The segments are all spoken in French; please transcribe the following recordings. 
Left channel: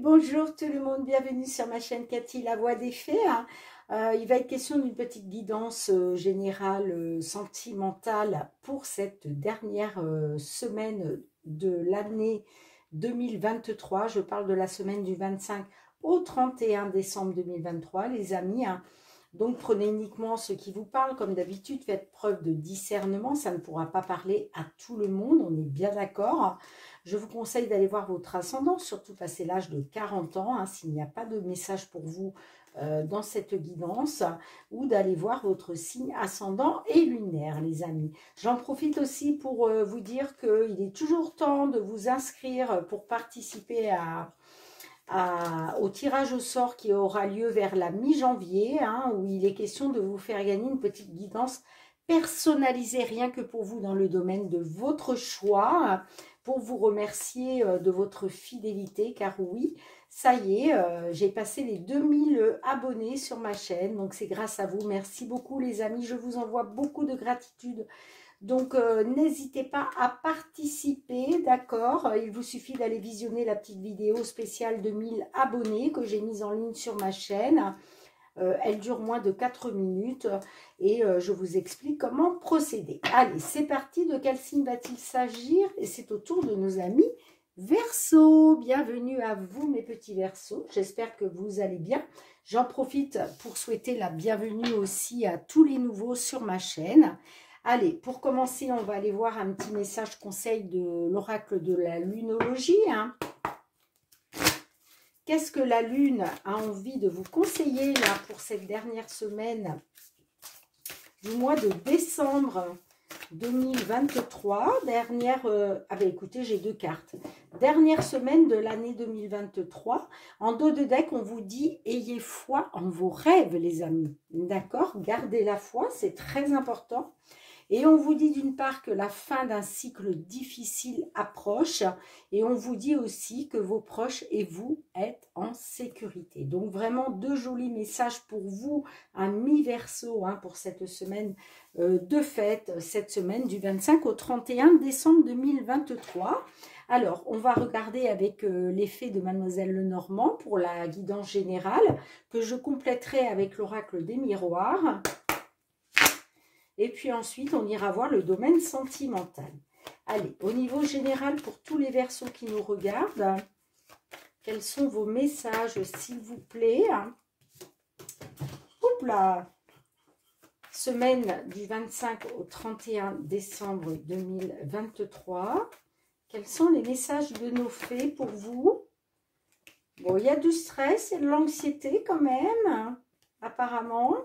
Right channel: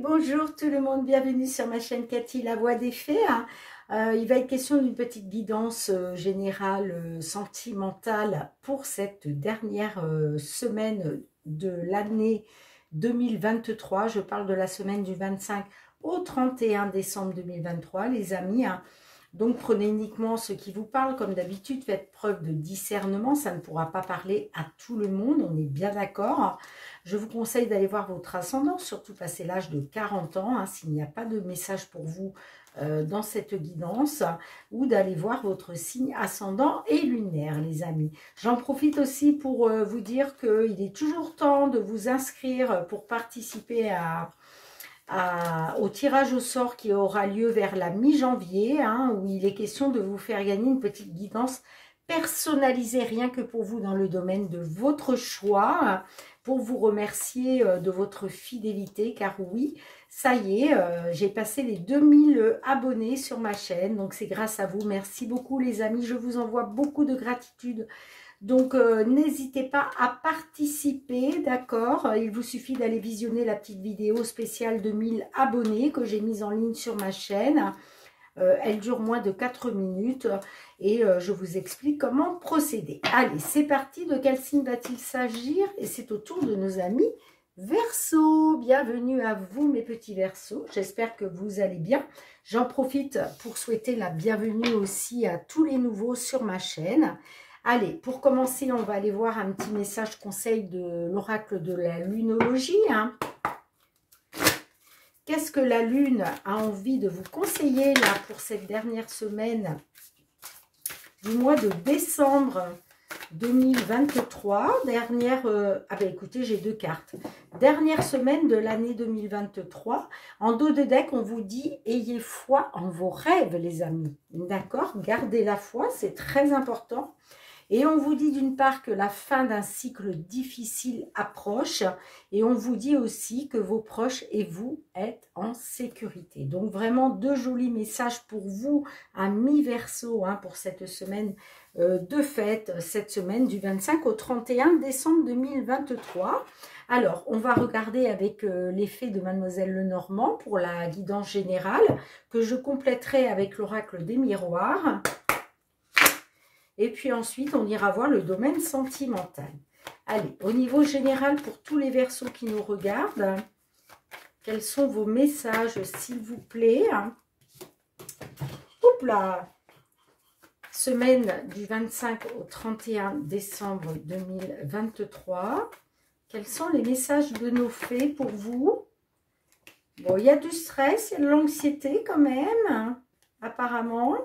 bonjour tout le monde, bienvenue sur ma chaîne Cathy, la voix des fées. Il va être question d'une petite guidance générale sentimentale pour cette dernière semaine de l'année 2023. Je parle de la semaine du 25 au 31 décembre 2023, les amis. Donc prenez uniquement ce qui vous parle, comme d'habitude, faites preuve de discernement, ça ne pourra pas parler à tout le monde, on est bien d'accord. Je vous conseille d'aller voir votre ascendant, surtout passé l'âge de 40 ans, s'il n'y a pas de message pour vous dans cette guidance, ou d'aller voir votre signe ascendant et lunaire, les amis. J'en profite aussi pour vous dire qu'il est toujours temps de vous inscrire pour participer au tirage au sort qui aura lieu vers la mi-janvier, où il est question de vous faire gagner une petite guidance personnalisée rien que pour vous dans le domaine de votre choix, pour vous remercier de votre fidélité, car oui, ça y est, j'ai passé les 2000 abonnés sur ma chaîne, donc c'est grâce à vous. Merci beaucoup les amis, je vous envoie beaucoup de gratitude. Donc, n'hésitez pas à participer, d'accord? Il vous suffit d'aller visionner la petite vidéo spéciale de 1000 abonnés que j'ai mise en ligne sur ma chaîne. Elle dure moins de 4 minutes et je vous explique comment procéder. Allez, c'est parti. De quel signe va-t-il s'agir? Et c'est au tour de nos amis Verseau. Bienvenue à vous mes petits Verseaux. J'espère que vous allez bien. J'en profite pour souhaiter la bienvenue aussi à tous les nouveaux sur ma chaîne. Allez, pour commencer, on va aller voir un petit message conseil de l'oracle de la lunologie. Qu'est-ce que la lune a envie de vous conseiller là pour cette dernière semaine du mois de décembre 2023? Écoutez, j'ai deux cartes. Dernière semaine de l'année 2023. En dos de deck, on vous dit « Ayez foi en vos rêves, les amis ». D'accord? Gardez la foi, c'est très important. Et on vous dit d'une part que la fin d'un cycle difficile approche, et on vous dit aussi que vos proches et vous êtes en sécurité. Donc vraiment deux jolis messages pour vous, à mi-verseau, pour cette semaine de fête, cette semaine du 25 au 31 décembre 2023. Alors, on va regarder avec l'effet de Mademoiselle Lenormand pour la guidance générale, que je compléterai avec l'oracle des miroirs. Et puis ensuite, on ira voir le domaine sentimental. Allez, au niveau général, pour tous les Verseaux qui nous regardent, quels sont vos messages, s'il vous plaît? Hop là! Semaine du 25 au 31 décembre 2023. Quels sont les messages de nos fées pour vous? Bon, il y a du stress, il y a de l'anxiété quand même, apparemment.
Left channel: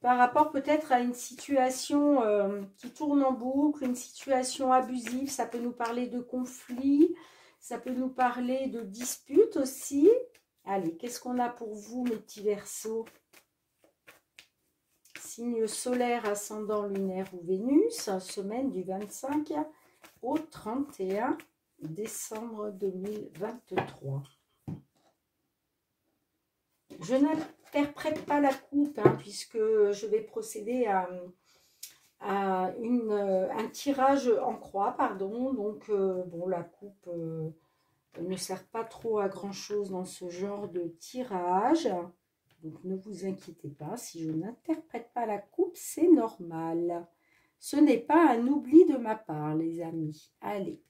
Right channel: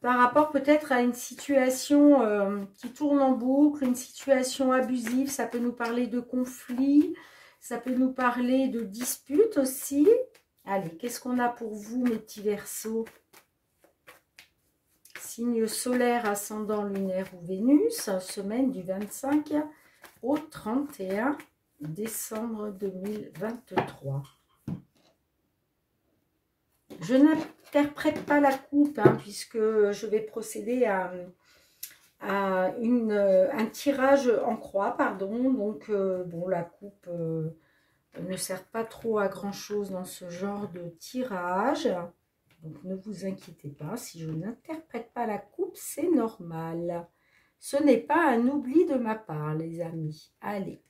Par rapport peut-être à une situation qui tourne en boucle, une situation abusive, ça peut nous parler de conflit, ça peut nous parler de dispute aussi. Allez, qu'est-ce qu'on a pour vous, mes petits Verseaux? Signe solaire, ascendant, lunaire ou Vénus, semaine du 25 au 31 décembre 2023. Je n'interprète pas la coupe, puisque je vais procéder à un tirage en croix, pardon. Donc, bon, la coupe ne sert pas trop à grand-chose dans ce genre de tirage. Donc, ne vous inquiétez pas, si je n'interprète pas la coupe, c'est normal. Ce n'est pas un oubli de ma part, les amis. Allez.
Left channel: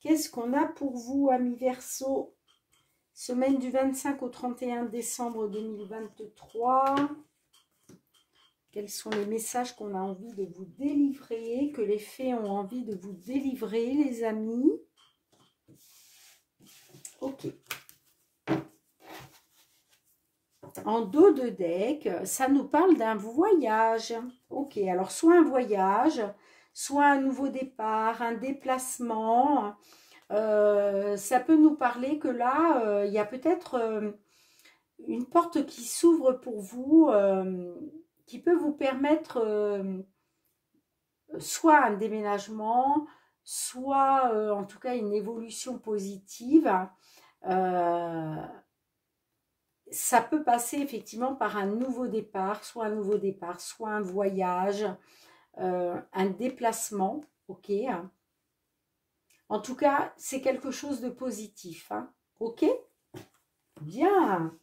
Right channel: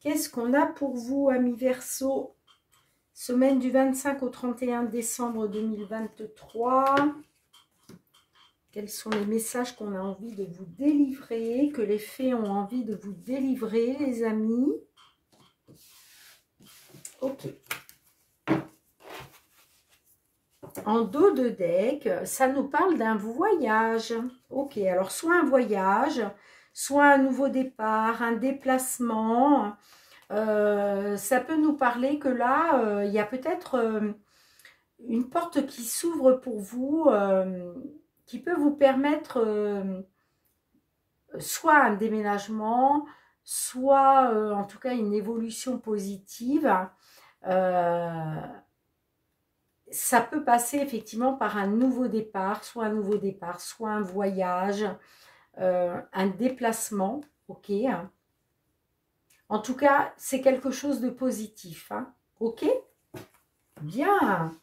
Qu'est-ce qu'on a pour vous, amis Verseaux? Semaine du 25 au 31 décembre 2023. Quels sont les messages qu'on a envie de vous délivrer, que les fées ont envie de vous délivrer, les amis? Ok. En dos de deck, ça nous parle d'un voyage. Ok, alors soit un voyage, soit un nouveau départ, un déplacement. Ça peut nous parler que là, il y a peut-être une porte qui s'ouvre pour vous, qui peut vous permettre soit un déménagement, soit en tout cas une évolution positive. Ça peut passer effectivement par un nouveau départ, soit un voyage, un déplacement, ok. En tout cas, c'est quelque chose de positif. Hein. Ok? Bien.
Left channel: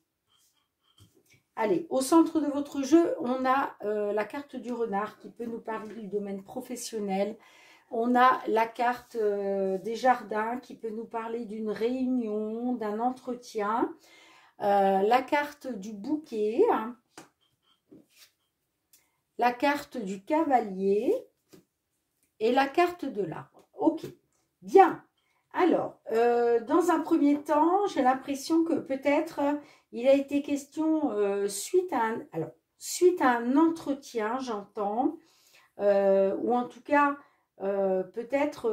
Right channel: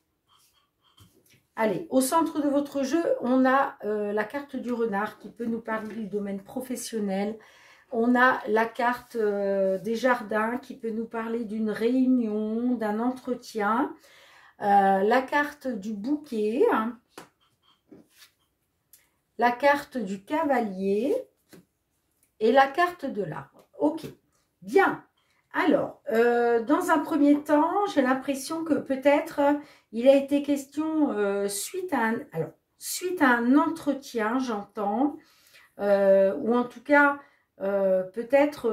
Allez, au centre de votre jeu, on a la carte du renard qui peut nous parler du domaine professionnel. On a la carte des jardins qui peut nous parler d'une réunion, d'un entretien. La carte du bouquet. Hein. La carte du cavalier. Et la carte de l'arbre. Ok, bien. Alors, dans un premier temps, j'ai l'impression que peut-être il a été question suite à un entretien, j'entends, ou en tout cas, peut-être,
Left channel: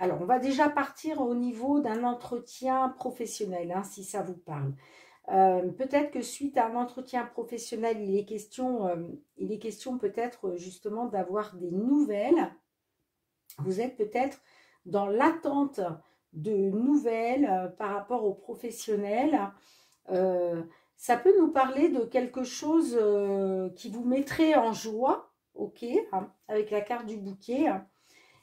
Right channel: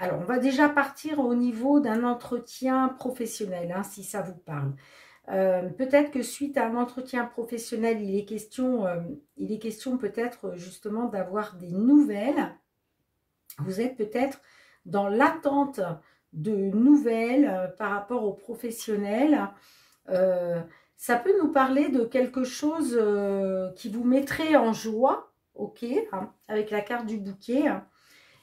alors on va déjà partir au niveau d'un entretien professionnel, hein, si ça vous parle. Peut-être que suite à un entretien professionnel, il est question peut-être justement d'avoir des nouvelles. Vous êtes peut-être dans l'attente de nouvelles par rapport aux professionnels. Ça peut nous parler de quelque chose qui vous mettrait en joie, ok, hein, avec la carte du bouquet, hein,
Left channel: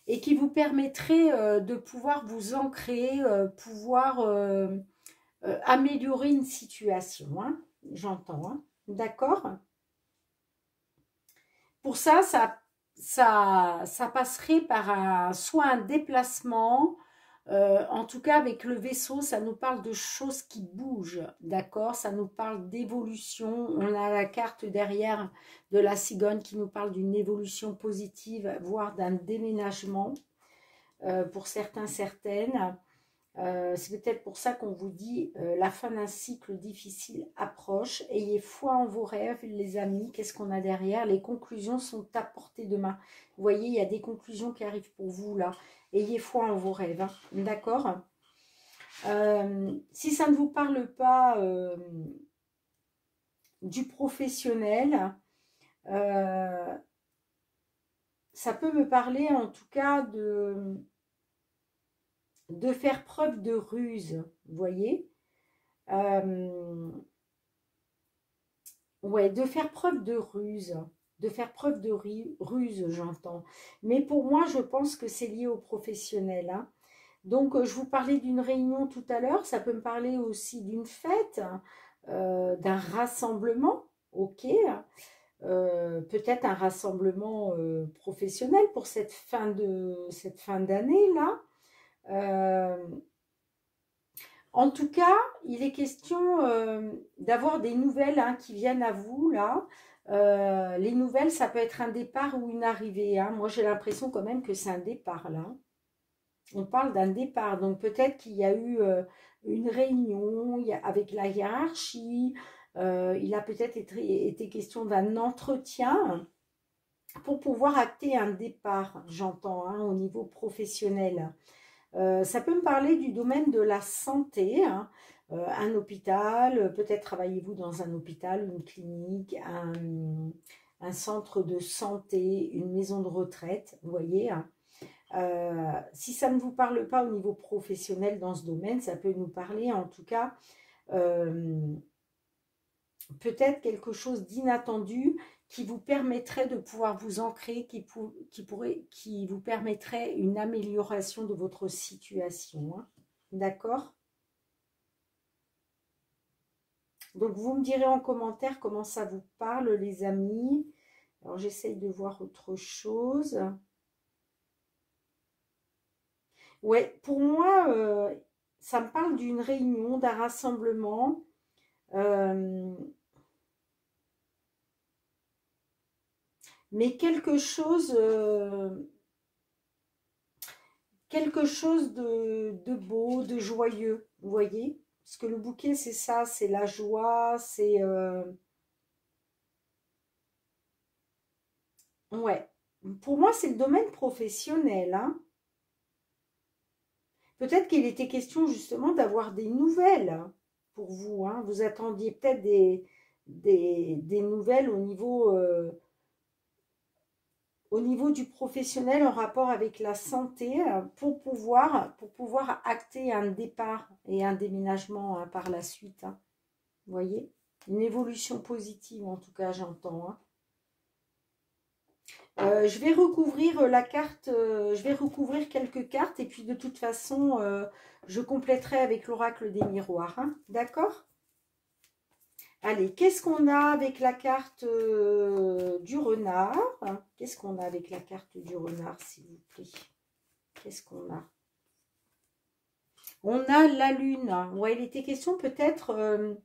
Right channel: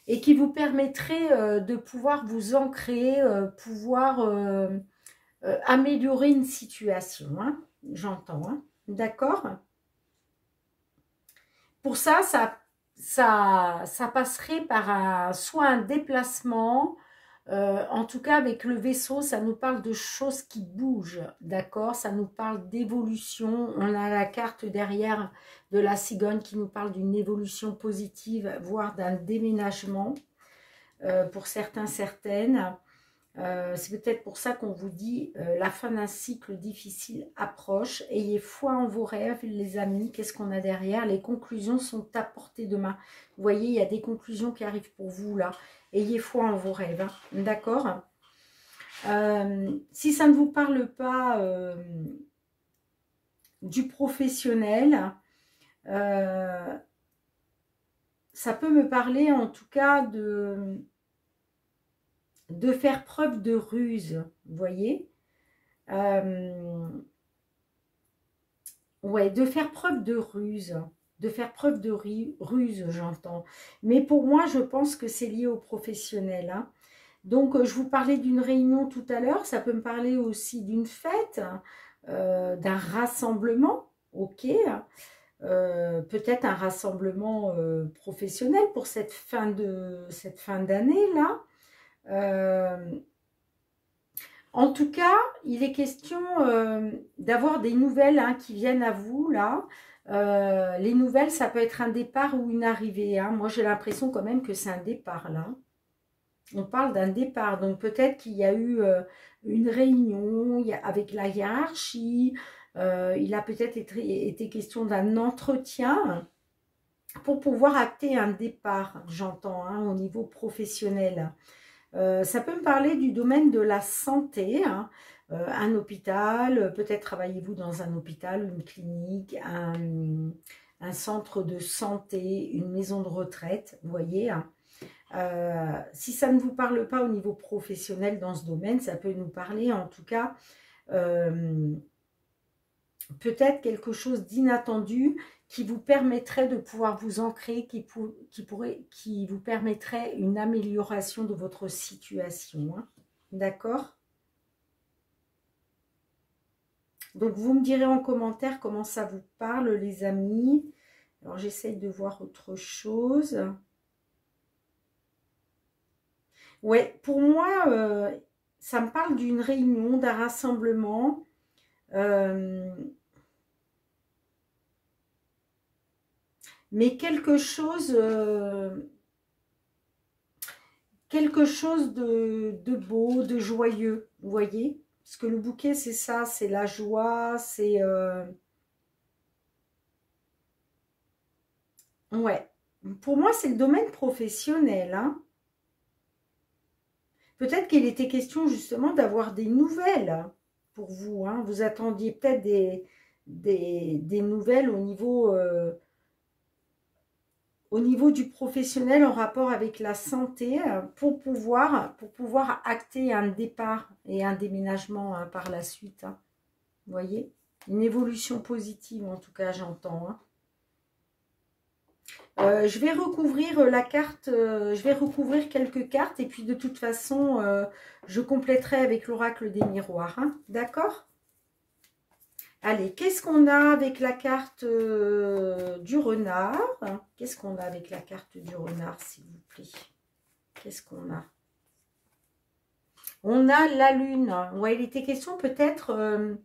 et qui vous permettrait de pouvoir vous ancrer, pouvoir améliorer une situation, hein, j'entends, hein, d'accord? Pour ça, ça passerait par soit un déplacement, en tout cas avec le vaisseau, ça nous parle de choses qui bougent, d'accord? Ça nous parle d'évolution. On a la carte derrière de la cigogne qui nous parle d'une évolution positive, voire d'un déménagement pour certains, certaines. C'est peut-être pour ça qu'on vous dit la fin d'un cycle difficile approche. Ayez foi en vos rêves, les amis. Qu'est-ce qu'on a derrière? Les conclusions sont à portée de main. Vous voyez, il y a des conclusions qui arrivent pour vous là. Ayez foi en vos rêves. Hein. D'accord? Si ça ne vous parle pas du professionnel, ça peut me parler en tout cas de faire preuve de ruse, vous voyez, ouais, de faire preuve de ruse, j'entends. Mais pour moi, je pense que c'est lié au professionnel. Hein. Donc, je vous parlais d'une réunion tout à l'heure, ça peut me parler aussi d'une fête, d'un rassemblement, ok, peut-être un rassemblement professionnel pour cette fin d'année là. En tout cas, il est question d'avoir des nouvelles hein, qui viennent à vous, là. Les nouvelles, ça peut être un départ ou une arrivée. Hein. Moi, j'ai l'impression quand même que c'est un départ, là. On parle d'un départ. Donc, peut-être qu'il y a eu une réunion avec la hiérarchie. Il a peut-être été question d'un entretien pour pouvoir acter un départ, j'entends, hein, au niveau professionnel. Ça peut me parler du domaine de la santé, hein, un hôpital, peut-être travaillez-vous dans un hôpital, une clinique, un centre de santé, une maison de retraite, vous voyez. Hein. Si ça ne vous parle pas au niveau professionnel dans ce domaine, ça peut nous parler en tout cas peut-être quelque chose d'inattendu qui vous permettrait de pouvoir vous ancrer, qui vous permettrait une amélioration de votre situation. Hein. D'accord? Donc, vous me direz en commentaire comment ça vous parle, les amis. Alors, j'essaye de voir autre chose. Ouais, pour moi, ça me parle d'une réunion, d'un rassemblement. Mais quelque chose de beau, de joyeux, vous voyez? Parce que le bouquet, c'est ça, c'est la joie, c'est... Ouais. Pour moi, c'est le domaine professionnel. Hein. Peut-être qu'il était question justement d'avoir des nouvelles pour vous. Hein. Vous attendiez peut-être des nouvelles au niveau du professionnel en rapport avec la santé pour pouvoir acter un départ et un déménagement hein, par la suite. Hein. Vous voyez? Une évolution positive en tout cas, j'entends. Hein. Je vais recouvrir la carte, je vais recouvrir quelques cartes et puis de toute façon, je compléterai avec l'oracle des miroirs. Hein, d'accord? Allez, qu'est-ce qu'on a avec la carte du renard? Qu'est-ce qu'on a avec la carte du renard, s'il vous plaît? Qu'est-ce qu'on a? On a la lune. Ouais, il était question peut-être...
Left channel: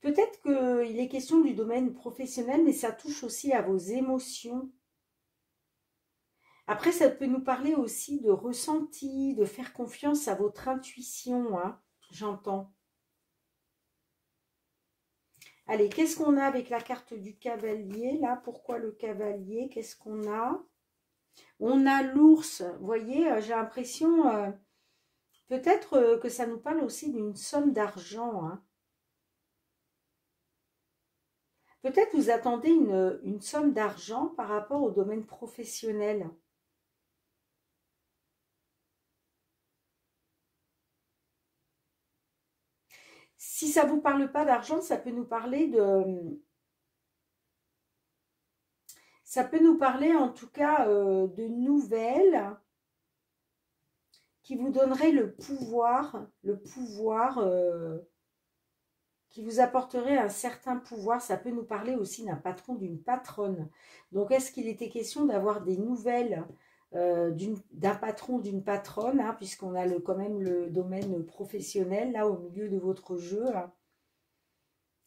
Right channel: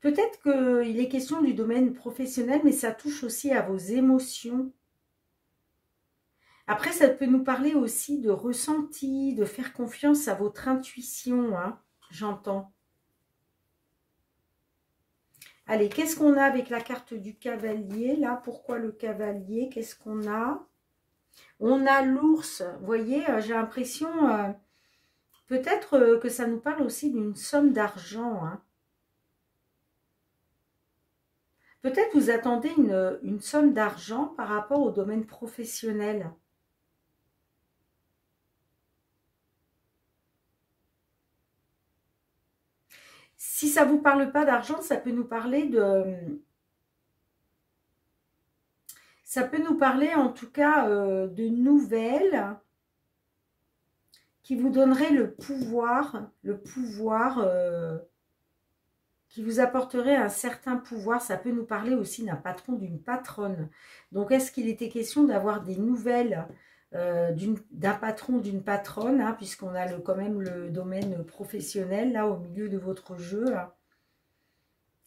peut-être qu'il est question du domaine professionnel, mais ça touche aussi à vos émotions. Après, ça peut nous parler aussi de ressenti, de faire confiance à votre intuition, hein, j'entends. Allez, qu'est-ce qu'on a avec la carte du cavalier, là? Pourquoi le cavalier? Qu'est-ce qu'on a? On a l'ours, vous voyez, j'ai l'impression, peut-être que ça nous parle aussi d'une somme d'argent, hein. Peut-être vous attendez une somme d'argent par rapport au domaine professionnel. Si ça ne vous parle pas d'argent, ça peut nous parler de... Ça peut nous parler en tout cas de nouvelles qui vous donneraient le pouvoir qui vous apporterait un certain pouvoir. Ça peut nous parler aussi d'un patron, d'une patronne. Donc, est-ce qu'il était question d'avoir des nouvelles d'un patron, d'une patronne, hein, puisqu'on a quand même le domaine professionnel, là, au milieu de votre jeu, là.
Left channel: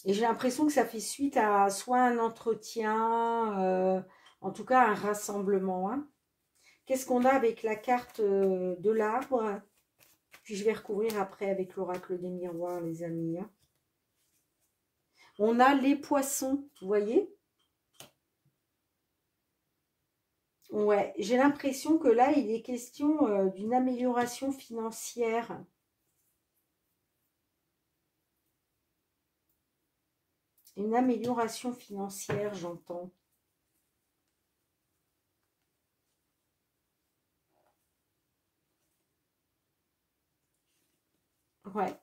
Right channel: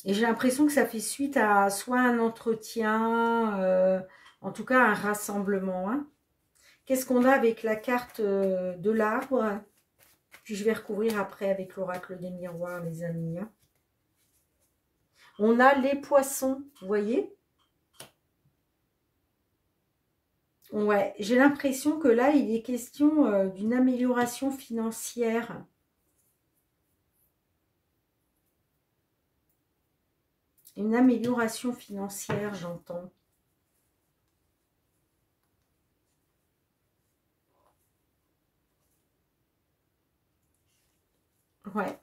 Et j'ai l'impression que ça fait suite à soit un entretien, en tout cas un rassemblement. Hein. Qu'est-ce qu'on a avec la carte de l'arbre? Puis je vais recouvrir après avec l'oracle des miroirs, les amis. Hein. On a les poissons, vous voyez? Ouais, j'ai l'impression que là, il est question d'une amélioration financière. Une amélioration financière, j'entends. Ouais.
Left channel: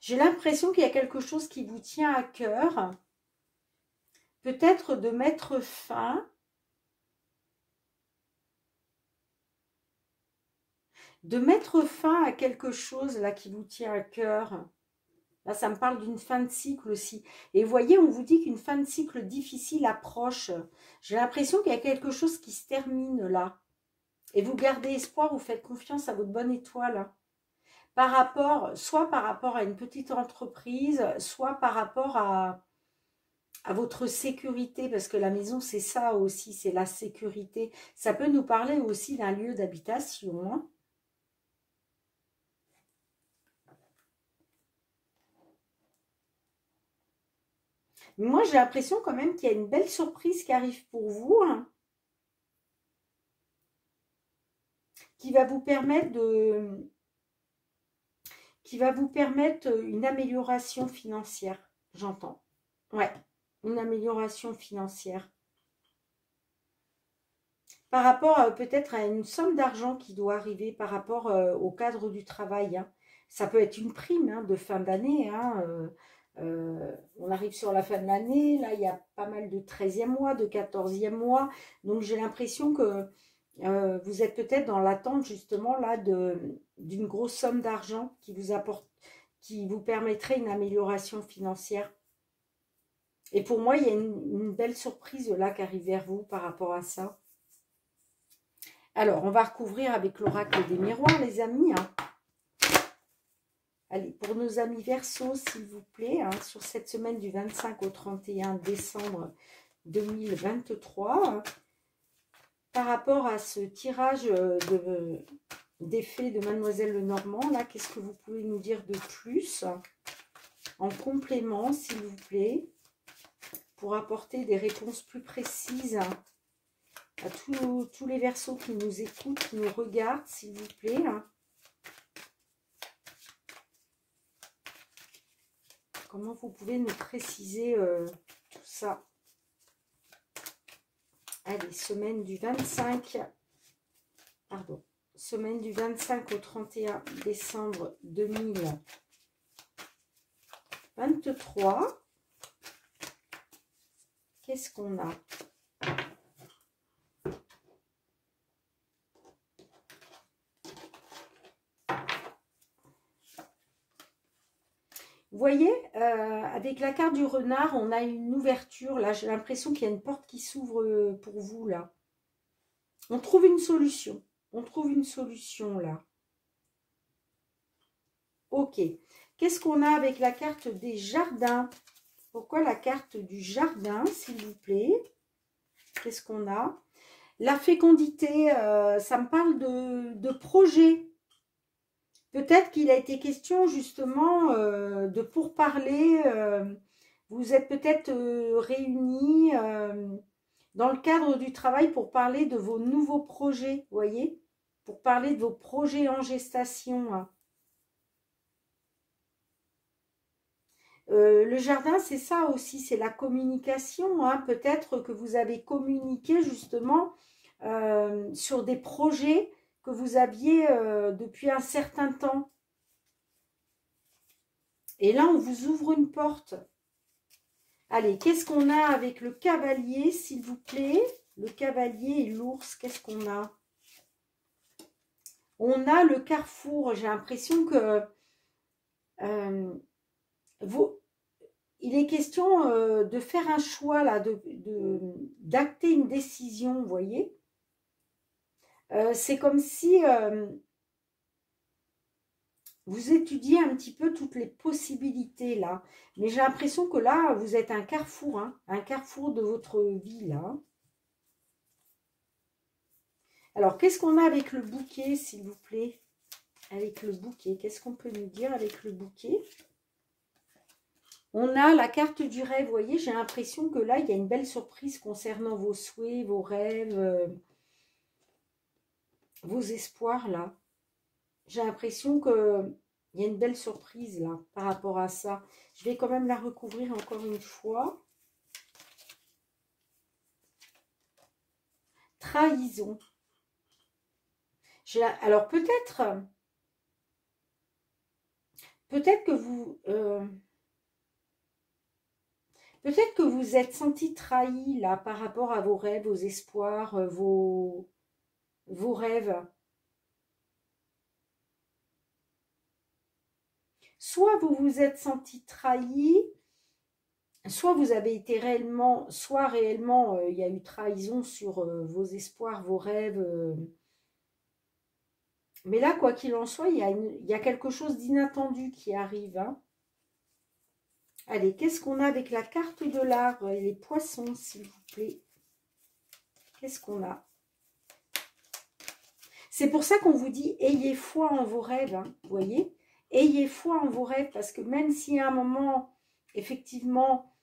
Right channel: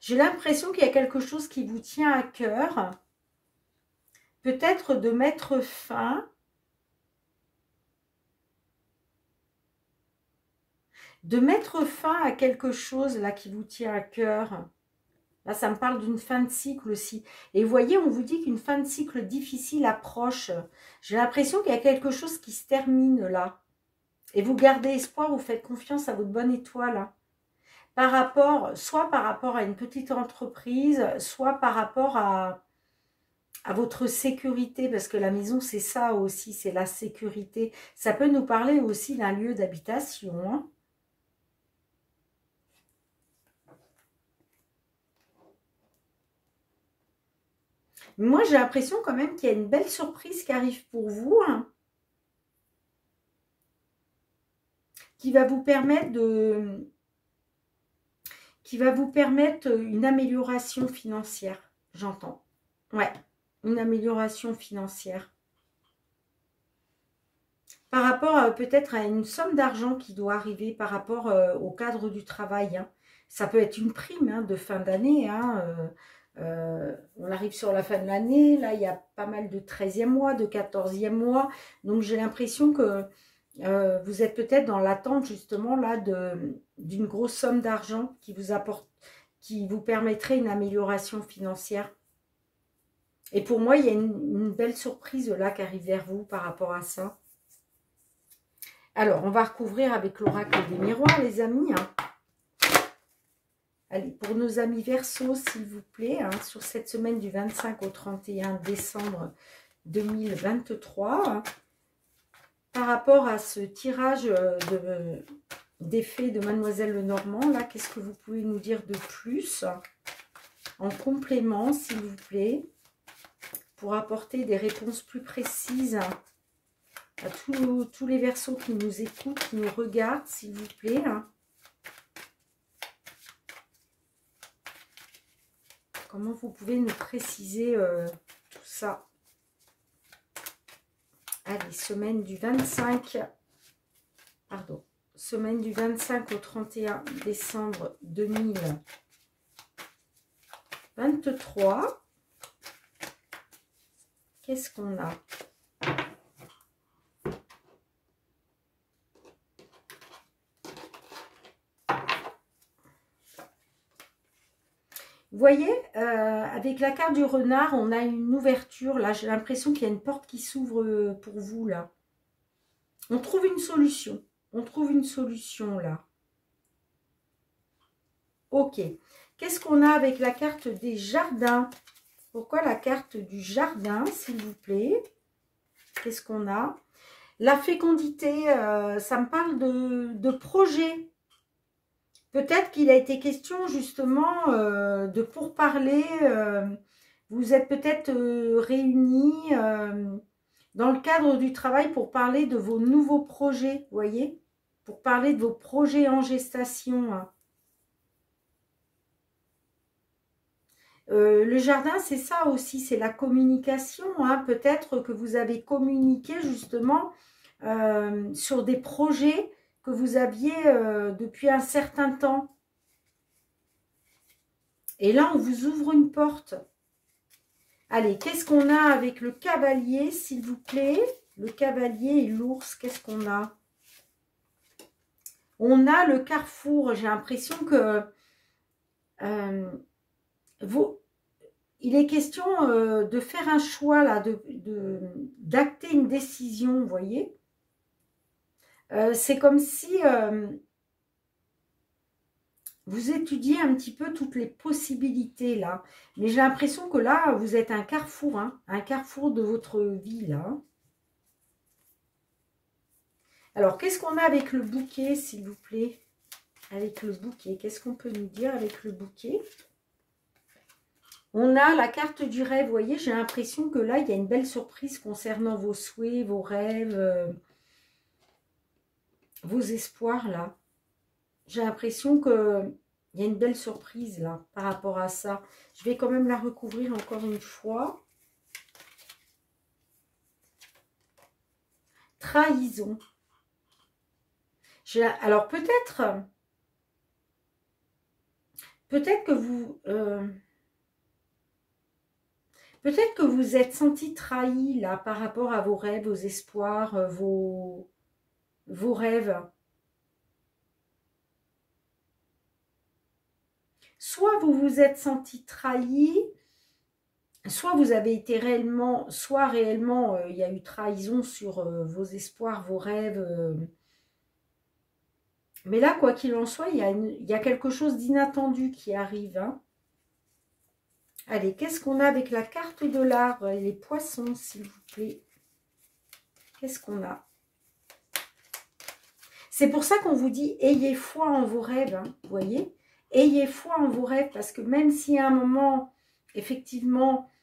J'ai l'impression qu'il y a quelque chose qui vous tient à cœur. Peut-être de mettre fin à quelque chose là qui vous tient à cœur. Là, ça me parle d'une fin de cycle aussi. Et vous voyez, on vous dit qu'une fin de cycle difficile approche. J'ai l'impression qu'il y a quelque chose qui se termine là. Et vous gardez espoir, vous faites confiance à votre bonne étoile. Hein. Soit par rapport à une petite entreprise, soit par rapport à votre sécurité, parce que la maison, c'est ça aussi, c'est la sécurité. Ça peut nous parler aussi d'un lieu d'habitation. Hein. Moi, j'ai l'impression quand même qu'il y a une belle surprise qui arrive pour vous, hein, qui va vous permettre une amélioration financière, j'entends. Ouais, une amélioration financière. Par rapport peut-être à une somme d'argent qui doit arriver par rapport au cadre du travail. Hein. Ça peut être une prime hein, de fin d'année. Hein, on arrive sur la fin de l'année. Là, il y a pas mal de 13e mois, de 14e mois. Donc, j'ai l'impression que vous êtes peut-être dans l'attente justement là d'une grosse somme d'argent qui vous permettrait une amélioration financière. Et pour moi, il y a une belle surprise là qui arrive vers vous par rapport à ça. Alors, on va recouvrir avec l'oracle des miroirs, les amis. Hein. Allez, pour nos amis Verseau, s'il vous plaît, hein, sur cette semaine du 25 au 31 décembre 2023, hein, par rapport à ce tirage d'effet de Mademoiselle Lenormand, là, qu'est-ce que vous pouvez nous dire de plus en complément, s'il vous plaît, pour apporter des réponses plus précises à tous les Verseaux qui nous écoutent, qui nous regardent, s'il vous plaît. Comment vous pouvez nous préciser tout ça? Allez, semaine du 25 au 31 décembre 2023. qu'est-ce qu'on a? Vous voyez, avec la carte du renard, on a une ouverture. Là, j'ai l'impression qu'il y a une porte qui s'ouvre pour vous, là. On trouve une solution. On trouve une solution, là. Ok. Qu'est-ce qu'on a avec la carte des jardins? Pourquoi la carte du jardin, s'il vous plaît? Qu'est-ce qu'on a? La fécondité, ça me parle de projet. Peut-être qu'il a été question justement de pourparler. Vous êtes peut-être réunis dans le cadre du travail pour parler de vos nouveaux projets, vous voyez? Pour parler de vos projets en gestation, hein. Le jardin, c'est ça aussi, c'est la communication, hein. Peut-être que vous avez communiqué justement sur des projets que vous aviez depuis un certain temps. Et là, on vous ouvre une porte. Allez, qu'est-ce qu'on a avec le cavalier, s'il vous plaît? Le cavalier et l'ours, qu'est-ce qu'on a? On a le carrefour. J'ai l'impression que il est question de faire un choix, là, d'acter une décision, vous voyez? C'est comme si vous étudiez un petit peu toutes les possibilités, là. Mais j'ai l'impression que là, vous êtes un carrefour, hein, un carrefour de votre vie, là. Alors, qu'est-ce qu'on a avec le bouquet, s'il vous plaît? Avec le bouquet, qu'est-ce qu'on peut nous dire avec le bouquet? On a la carte du rêve, vous voyez, j'ai l'impression que là, il y a une belle surprise concernant vos souhaits, vos rêves, vos espoirs, là. J'ai l'impression qu'il y a une belle surprise, là, par rapport à ça. Je vais quand même la recouvrir encore une fois. Trahison. Alors, peut-être que vous... peut-être que vous êtes senti trahi, là, par rapport à vos rêves, vos espoirs, vos rêves. Soit vous vous êtes senti trahi, soit vous avez été réellement, soit réellement, il y a eu trahison sur vos espoirs, vos rêves. Mais là, quoi qu'il en soit, il y a quelque chose d'inattendu qui arrive, hein. Allez, qu'est-ce qu'on a avec la carte de l'arbre et les poissons, s'il vous plaît? Qu'est-ce qu'on a? C'est pour ça qu'on vous dit, ayez foi en vos rêves, hein, vous voyez? Ayez foi en vos rêves, parce que même si à un moment, effectivement,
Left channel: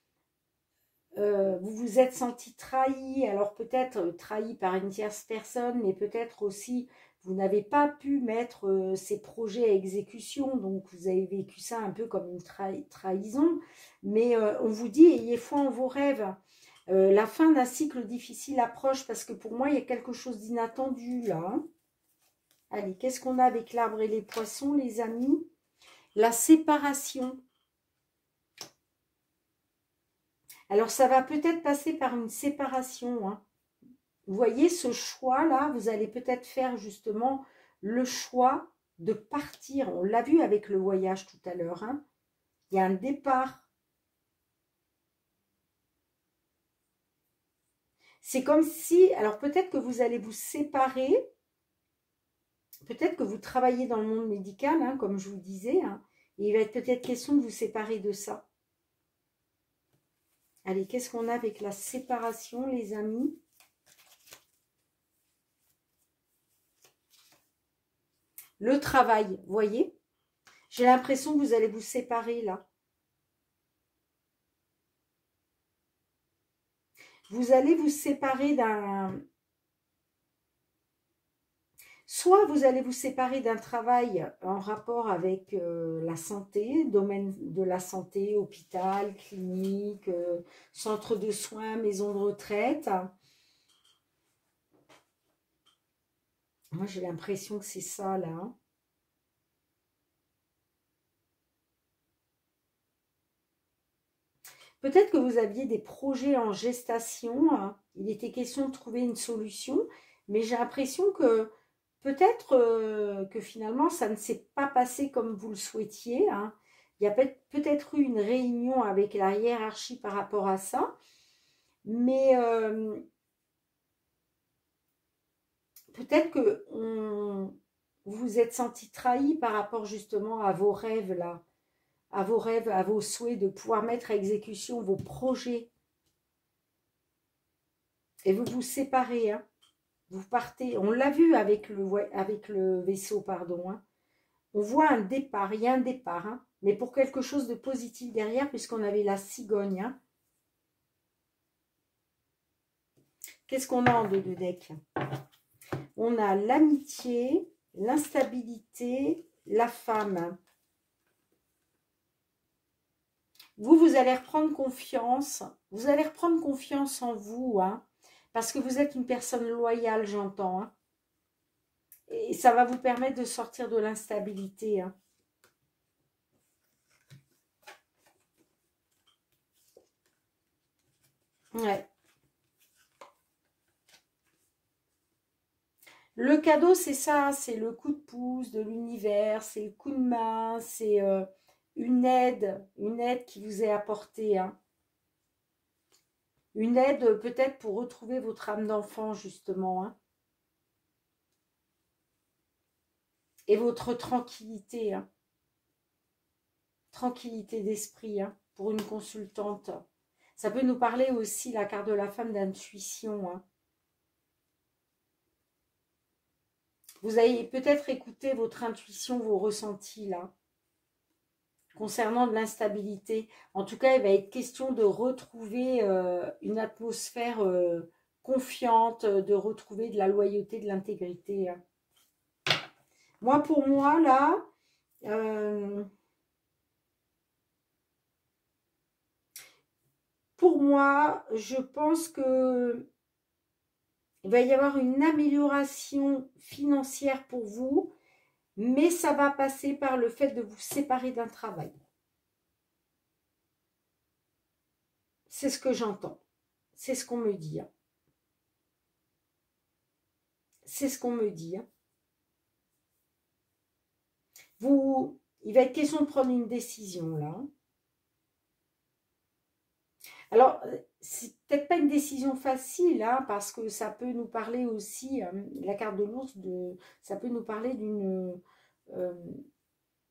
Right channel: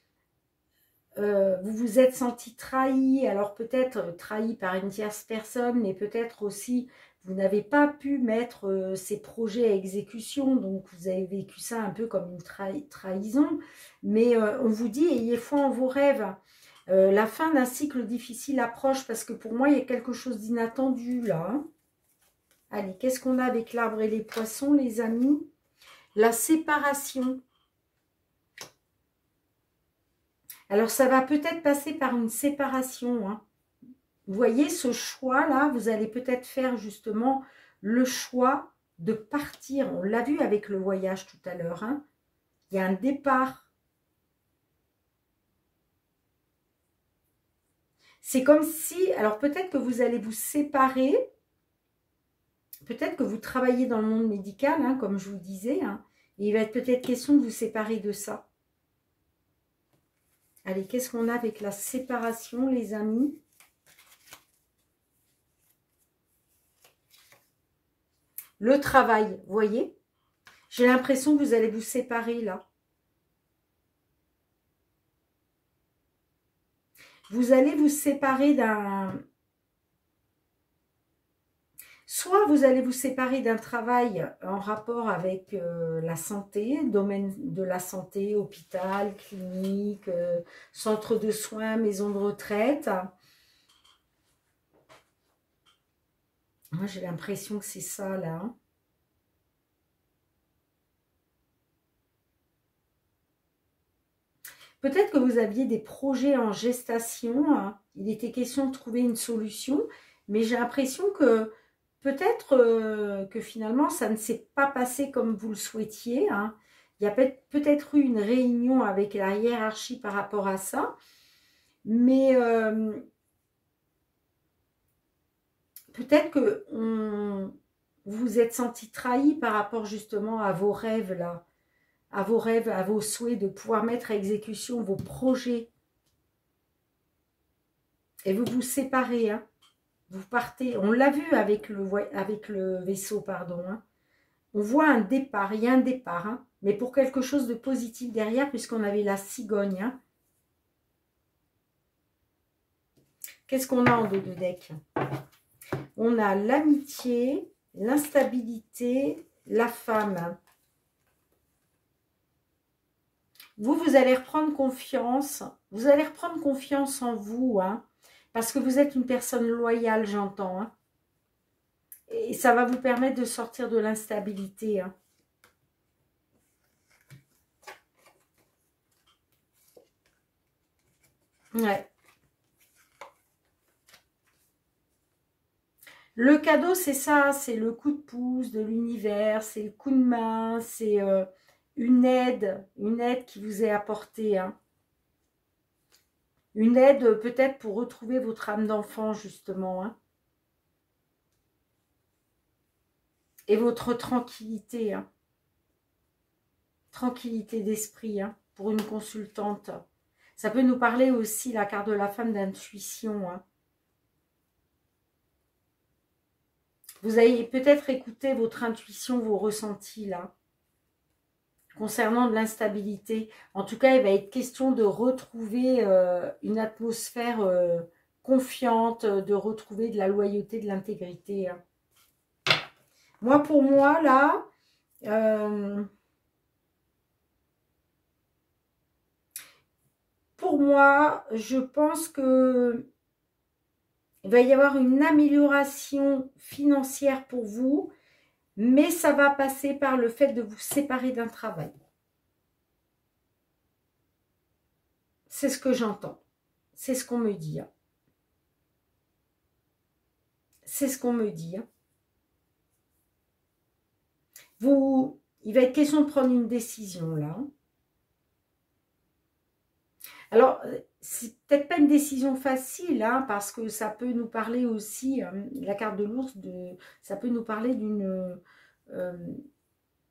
vous vous êtes senti trahi, alors peut-être trahi par une tierce personne, mais peut-être aussi vous n'avez pas pu mettre ces projets à exécution, donc vous avez vécu ça un peu comme une trahison, mais on vous dit ayez foi en vos rêves. La fin d'un cycle difficile approche, parce que pour moi il y a quelque chose d'inattendu là, hein. Allez, qu'est-ce qu'on a avec l'arbre et les poissons, les amis? La séparation. Alors, ça va peut-être passer par une séparation, hein. Vous voyez, ce choix-là, vous allez peut-être faire justement le choix de partir. On l'a vu avec le voyage tout à l'heure, hein. Il y a un départ. C'est comme si, alors peut-être que vous allez vous séparer. Peut-être que vous travaillez dans le monde médical, hein, comme je vous disais, hein, et il va être peut-être question de vous séparer de ça. Allez, qu'est-ce qu'on a avec la séparation, les amis? Le travail, vous voyez? J'ai l'impression que vous allez vous séparer, là. Vous allez vous séparer d'un... Soit vous allez vous séparer d'un travail en rapport avec la santé, domaine de la santé, hôpital, clinique, centre de soins, maison de retraite. Moi, j'ai l'impression que c'est ça, là, hein. Peut-être que vous aviez des projets en gestation, hein. Il était question de trouver une solution, mais j'ai l'impression que peut-être que finalement, ça ne s'est pas passé comme vous le souhaitiez, hein. Il y a peut-être eu une réunion avec la hiérarchie par rapport à ça, mais peut-être que vous vous êtes senti trahi par rapport justement à vos rêves là, à vos rêves, à vos souhaits de pouvoir mettre à exécution vos projets. Et vous vous séparez, hein. Vous partez, on l'a vu avec le vaisseau, pardon, hein. On voit un départ, il y a un départ, hein, mais pour quelque chose de positif derrière, puisqu'on avait la cigogne, hein. Qu'est-ce qu'on a en dos de deck? On a l'amitié, l'instabilité, la femme. Vous allez reprendre confiance. Vous allez reprendre confiance en vous, hein, parce que vous êtes une personne loyale, j'entends, hein. Et ça va vous permettre de sortir de l'instabilité, hein. Ouais. Le cadeau, c'est ça, c'est le coup de pouce de l'univers, c'est le coup de main, c'est une aide qui vous est apportée, hein. Une aide peut-être pour retrouver votre âme d'enfant, justement, hein. Et votre tranquillité, hein. Tranquillité d'esprit, hein, pour une consultante. Ça peut nous parler aussi, la carte de la femme, d'intuition, hein. Vous allez peut-être écouter votre intuition, vos ressentis, là, concernant de l'instabilité. En tout cas, il va être question de retrouver une atmosphère confiante, de retrouver de la loyauté, de l'intégrité, hein. Moi, pour moi, là, pour moi, je pense que il va y avoir une amélioration financière pour vous, mais ça va passer par le fait de vous séparer d'un travail. C'est ce que j'entends. C'est ce qu'on me dit, hein. C'est ce qu'on me dit, hein. Il va être question de prendre une décision, là. Alors, c'est peut-être pas une décision facile, hein, parce que ça peut nous parler aussi, la carte de l'ours, ça peut nous parler de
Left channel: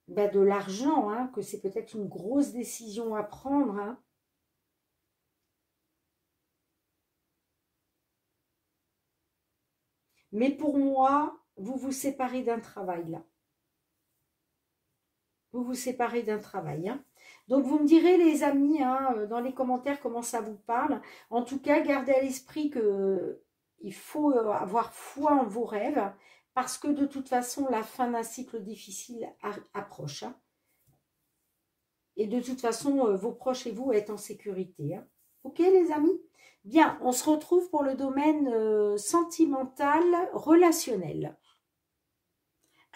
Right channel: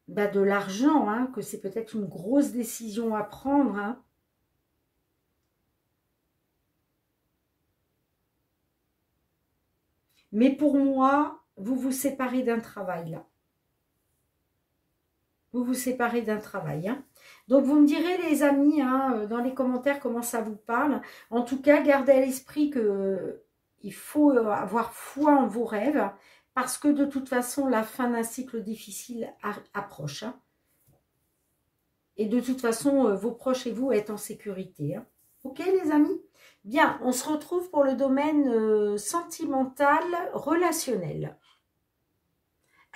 l'argent, hein, que c'est peut-être une grosse décision à prendre, hein. Mais pour moi, vous vous séparez d'un travail, là. Vous vous séparez d'un travail, hein. Donc, vous me direz, les amis, hein, dans les commentaires, comment ça vous parle. En tout cas, gardez à l'esprit qu'il faut avoir foi en vos rêves, parce que de toute façon, la fin d'un cycle difficile approche, hein. Et de toute façon, vos proches et vous êtes en sécurité, hein. Ok, les amis? Bien, on se retrouve pour le domaine sentimental, relationnel.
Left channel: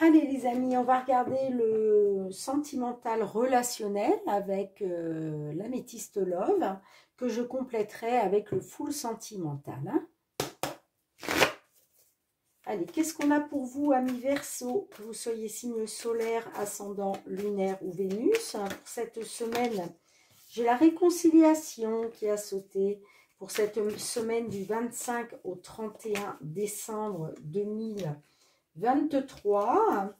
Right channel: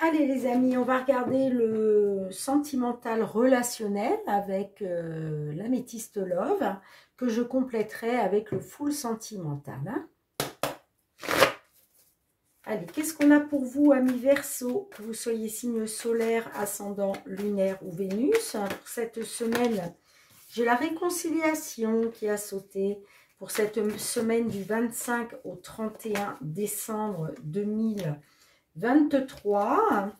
Allez les amis, on va regarder le sentimental relationnel avec l'améthyste love, que je compléterai avec le full sentimental, hein. Allez, qu'est-ce qu'on a pour vous, amis Verseau, que vous soyez signe solaire, ascendant, lunaire ou Vénus? Pour cette semaine, j'ai la réconciliation qui a sauté. Pour cette semaine du 25 au 31 décembre 2023.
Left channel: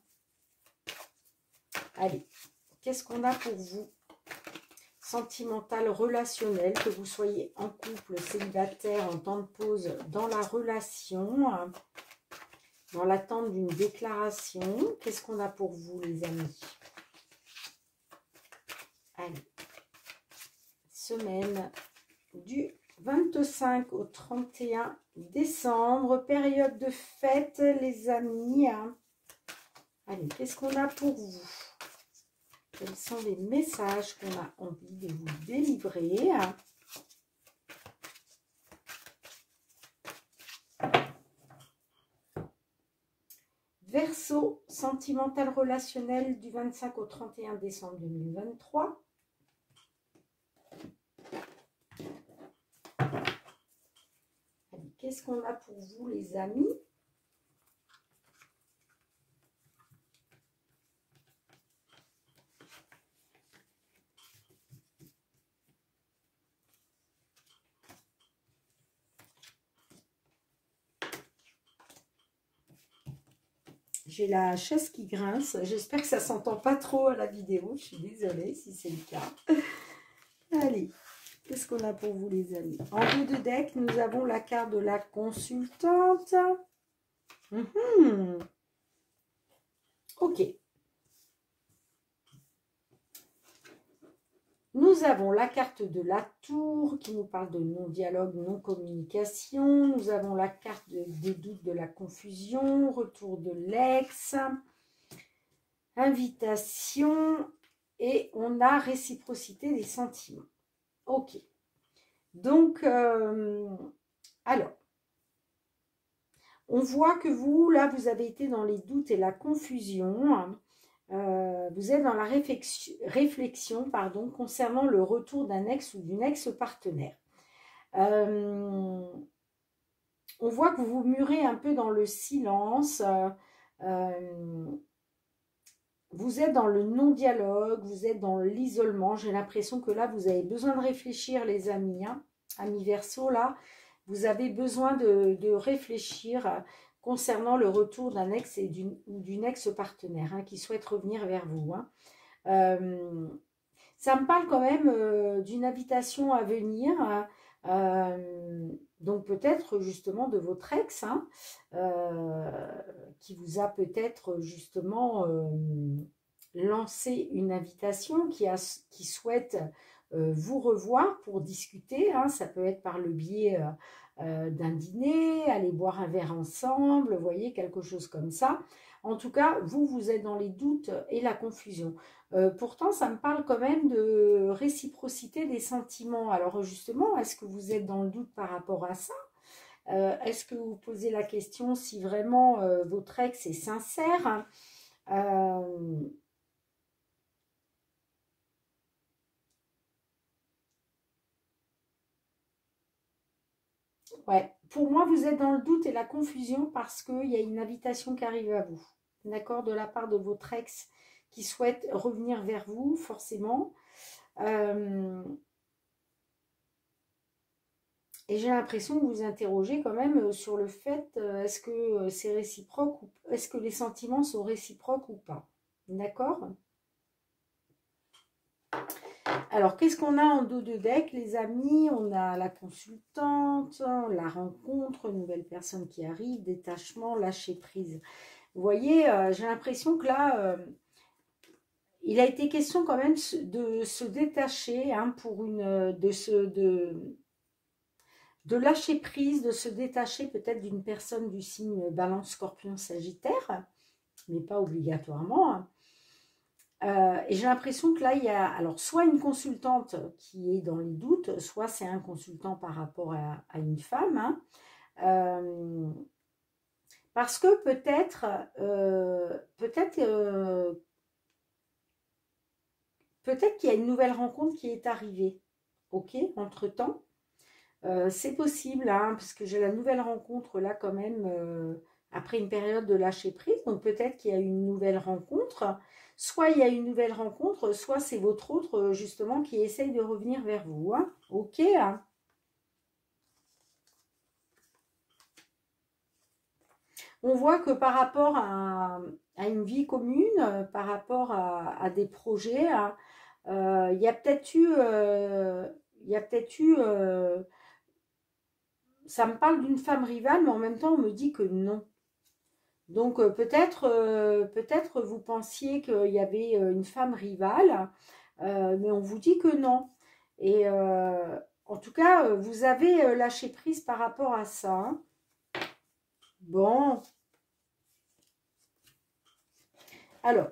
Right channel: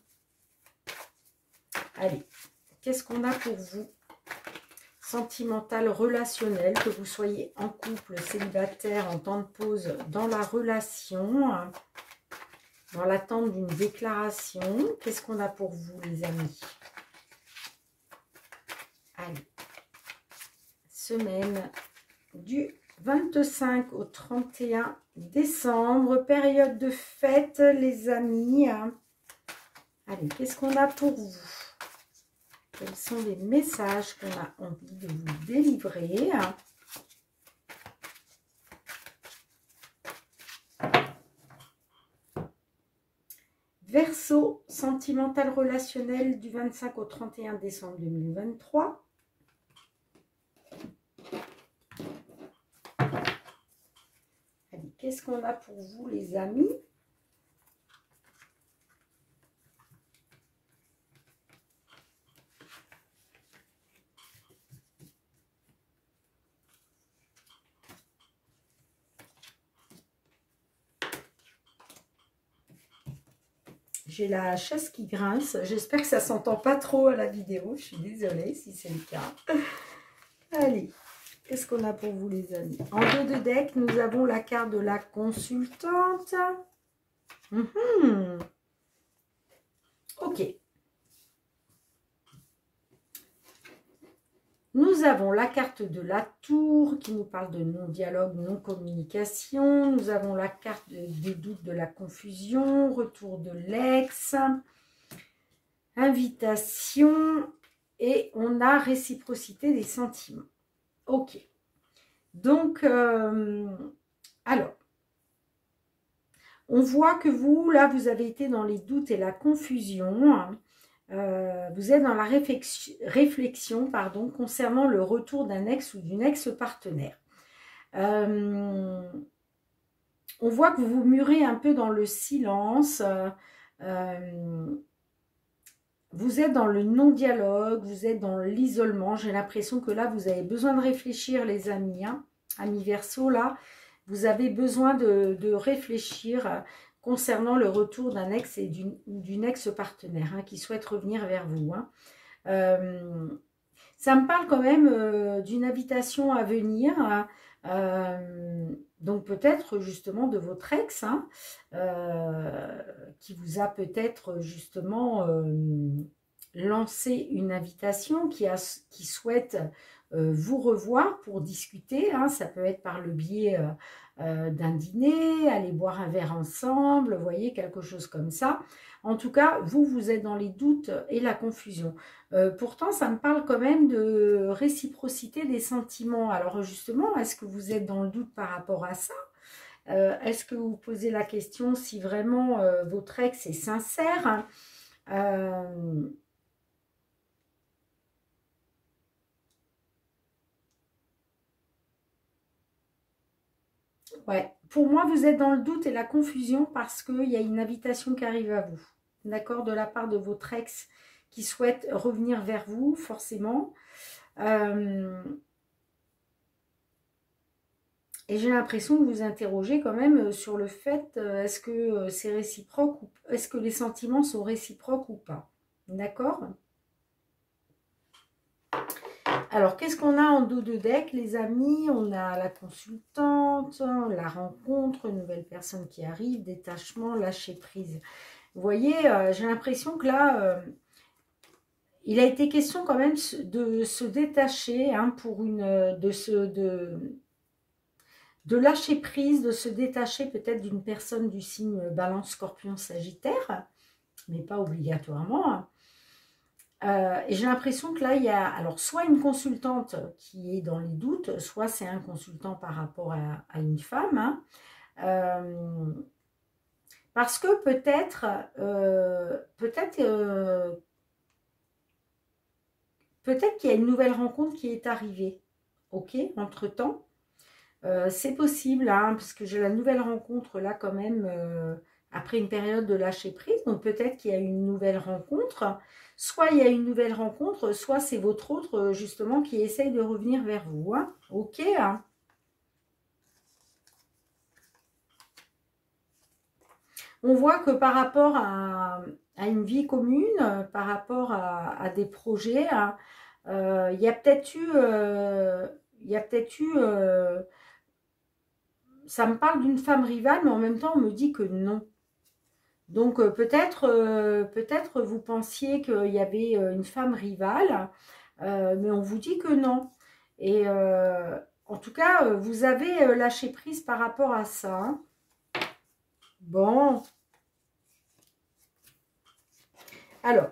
Allez, qu'est-ce qu'on a pour vous? Sentimental, relationnel, que vous soyez en couple, célibataire, en temps de pause dans la relation, dans l'attente d'une déclaration. Qu'est-ce qu'on a pour vous, les amis? Allez, semaine du 25 au 31 décembre, période de fête, les amis. Allez, qu'est-ce qu'on a pour vous? Quels sont les messages qu'on a envie de vous délivrer? Verseau, sentimental relationnel du 25 au 31 décembre 2023. qu'est-ce qu'on a pour vous, les amis? J'ai la chaise qui grince. J'espère que ça ne s'entend pas trop à la vidéo. Je suis désolée si c'est le cas. Allez, qu'est-ce qu'on a pour vous, les amis? En dos de deck, nous avons la carte de la consultante. Ok. Nous avons la carte de la tour qui nous parle de non-dialogue, non-communication. Nous avons la carte des doutes, de la confusion, retour de l'ex, invitation et on a réciprocité des sentiments. Ok. Donc, alors, on voit que vous, là, vous avez été dans les doutes et la confusion. Vous êtes dans la réflexion concernant le retour d'un ex ou d'une ex-partenaire. On voit que vous vous murez un peu dans le silence. Vous êtes dans le non-dialogue, vous êtes dans l'isolement. J'ai l'impression que là, vous avez besoin de réfléchir, les amis. Hein. Amis Verseau, là, vous avez besoin de réfléchir concernant le retour d'un ex et d'une ex-partenaire hein, qui souhaite revenir vers vous. Hein. Ça me parle quand même d'une invitation à venir, donc peut-être justement de votre ex, hein, qui vous a peut-être justement lancé une invitation, qui souhaite vous revoir pour discuter, hein, ça peut être par le biais d'un dîner, aller boire un verre ensemble, vous voyez, quelque chose comme ça. En tout cas, vous êtes dans les doutes et la confusion. Pourtant, ça me parle quand même de réciprocité des sentiments. Alors justement, est-ce que vous êtes dans le doute par rapport à ça? Est-ce que vous posez la question si vraiment votre ex est sincère? Ouais, pour moi, vous êtes dans le doute et la confusion parce qu'il y a une invitation qui arrive à vous, d'accord, de la part de votre ex qui souhaite revenir vers vous, forcément. Et j'ai l'impression que vous interrogez quand même sur le fait, est-ce que c'est réciproque, ou est-ce que les sentiments sont réciproques ou pas, d'accord? Alors, qu'est-ce qu'on a en dos de deck, les amis? On a la consultante, la rencontre, une nouvelle personne qui arrive, détachement, lâcher prise. Vous voyez, j'ai l'impression que là, il a été question quand même de se détacher, hein, de lâcher prise, de se détacher peut-être d'une personne du signe Balance, Scorpion, Sagittaire, mais pas obligatoirement, hein. Et j'ai l'impression que là, il y a alors soit une consultante qui est dans les doutes, soit c'est un consultant par rapport à une femme. Hein. Parce que peut-être qu'il y a une nouvelle rencontre qui est arrivée, ok, entre-temps. C'est possible, hein, parce que j'ai la nouvelle rencontre là quand même, après une période de lâcher prise, donc peut-être qu'il y a une nouvelle rencontre. Soit il y a une nouvelle rencontre, soit c'est votre autre, justement, qui essaye de revenir vers vous. Hein. Ok, hein. On voit que par rapport à une vie commune, par rapport à des projets, hein, il y a peut-être eu... ça me parle d'une femme rivale, mais en même temps, on me dit que non. Donc peut-être vous pensiez qu'il y avait une femme rivale, mais on vous dit que non. Et en tout cas, vous avez lâché prise par rapport à ça. Hein. Bon. Alors,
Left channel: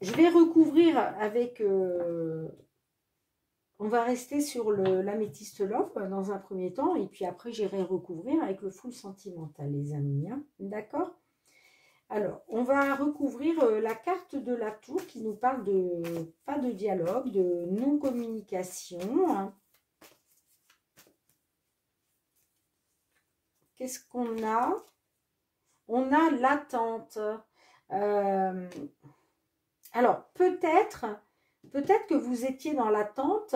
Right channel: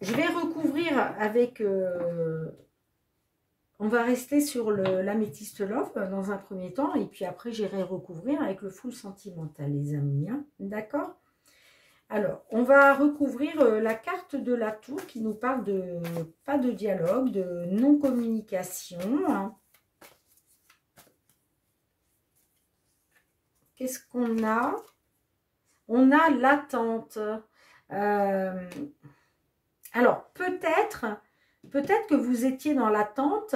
je vais recouvrir avec... on va rester sur l'améthyste love dans un premier temps, et puis après j'irai recouvrir avec le full sentimental, les amis. Hein. D'accord ? Alors, on va recouvrir la carte de la tour qui nous parle de pas de dialogue, de non-communication. Hein. qu'est-ce qu'on a? On a l'attente. Alors, peut-être que vous étiez dans l'attente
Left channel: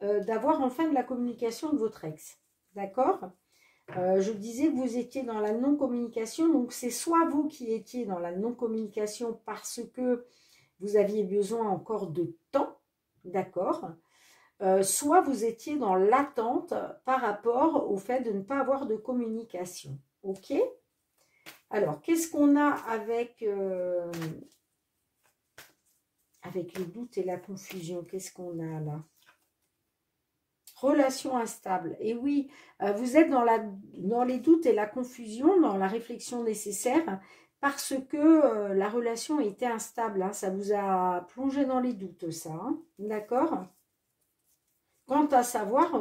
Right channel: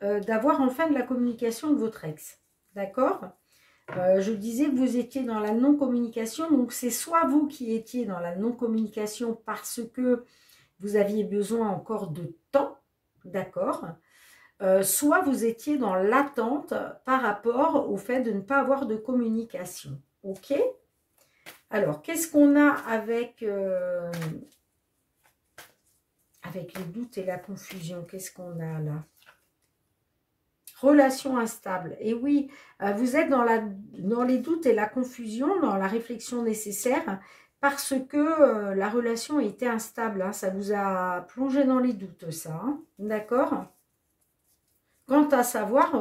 d'avoir enfin de la communication de votre ex. D'accord? Je disais que vous étiez dans la non-communication, donc c'est soit vous qui étiez dans la non-communication parce que vous aviez besoin encore de temps, d'accord? Soit vous étiez dans l'attente par rapport au fait de ne pas avoir de communication. Ok? Alors, qu'est-ce qu'on a avec les doutes et la confusion? Qu'est-ce qu'on a là? Relation instable. Et oui, vous êtes dans les doutes et la confusion, dans la réflexion nécessaire, parce que la relation était instable. Hein, ça vous a plongé dans les doutes, ça. Hein, d'accord? Quant à savoir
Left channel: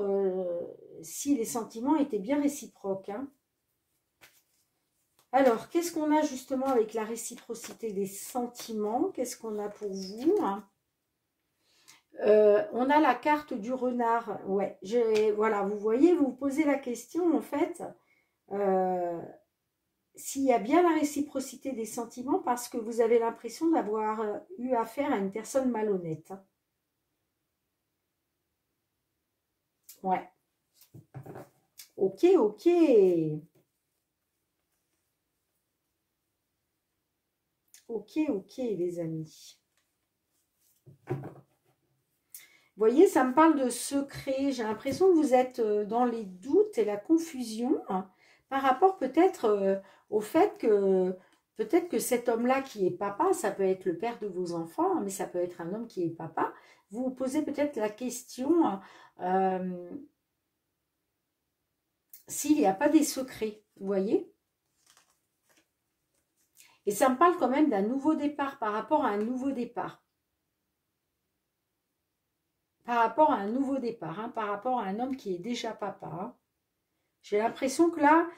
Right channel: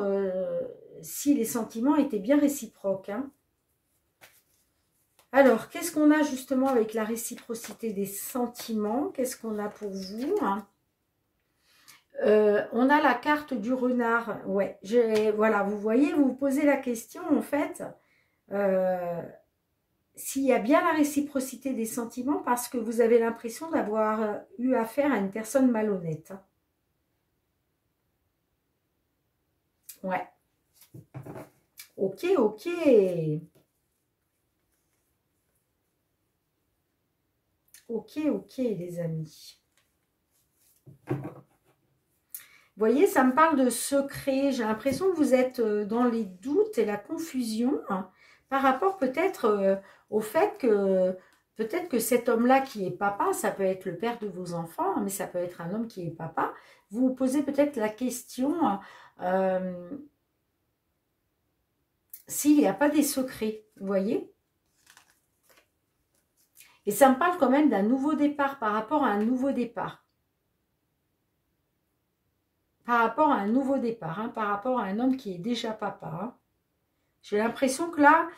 si les sentiments étaient bien réciproques. Hein. Alors, qu'est-ce qu'on a justement avec la réciprocité des sentiments? Qu'est-ce qu'on a pour vous? Hein? On a la carte du renard. Ouais, voilà, vous voyez, vous vous posez la question, en fait, s'il y a bien la réciprocité des sentiments parce que vous avez l'impression d'avoir eu affaire à une personne malhonnête. Ouais. Ok, ok. Ok, ok, les amis. Vous voyez, ça me parle de secret. J'ai l'impression que vous êtes dans les doutes et la confusion hein, par rapport peut-être au fait que peut-être que cet homme-là qui est papa, ça peut être le père de vos enfants, hein, mais ça peut être un homme qui est papa. Vous vous posez peut-être la question s'il n'y a pas des secrets, vous voyez? Et ça me parle quand même d'un nouveau départ par rapport à un nouveau départ. Par rapport à un nouveau départ, hein, par rapport à un homme qui est déjà papa. Hein. J'ai l'impression que là,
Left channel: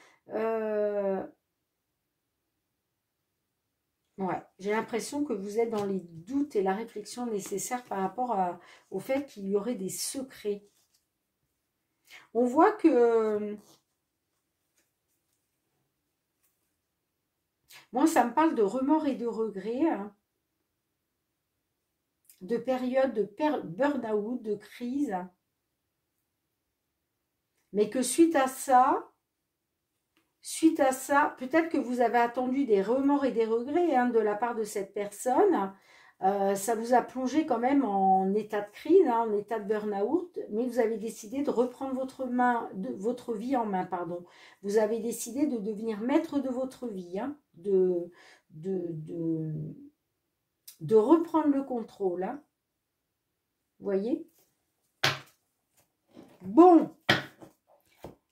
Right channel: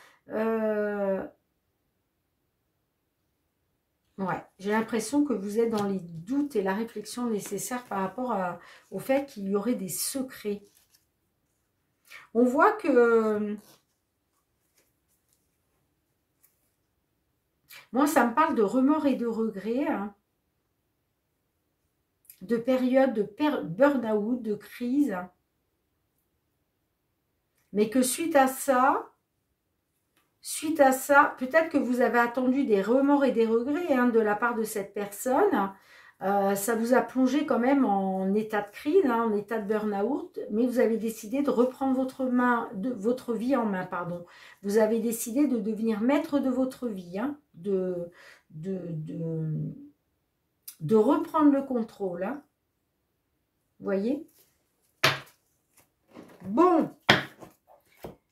ouais, j'ai l'impression que vous êtes dans les doutes et la réflexion nécessaire par rapport au fait qu'il y aurait des secrets. On voit que, moi, ça me parle de remords et de regrets, hein, de période de burn-out, de crise, mais que suite à ça, peut-être que vous avez attendu des remords et des regrets hein, de la part de cette personne. Ça vous a plongé quand même en état de crise, hein, en état de burn-out, mais vous avez décidé de reprendre votre vie en main. Pardon. Vous avez décidé de devenir maître de votre vie, hein, de reprendre le contrôle. Hein. Vous voyez? Bon.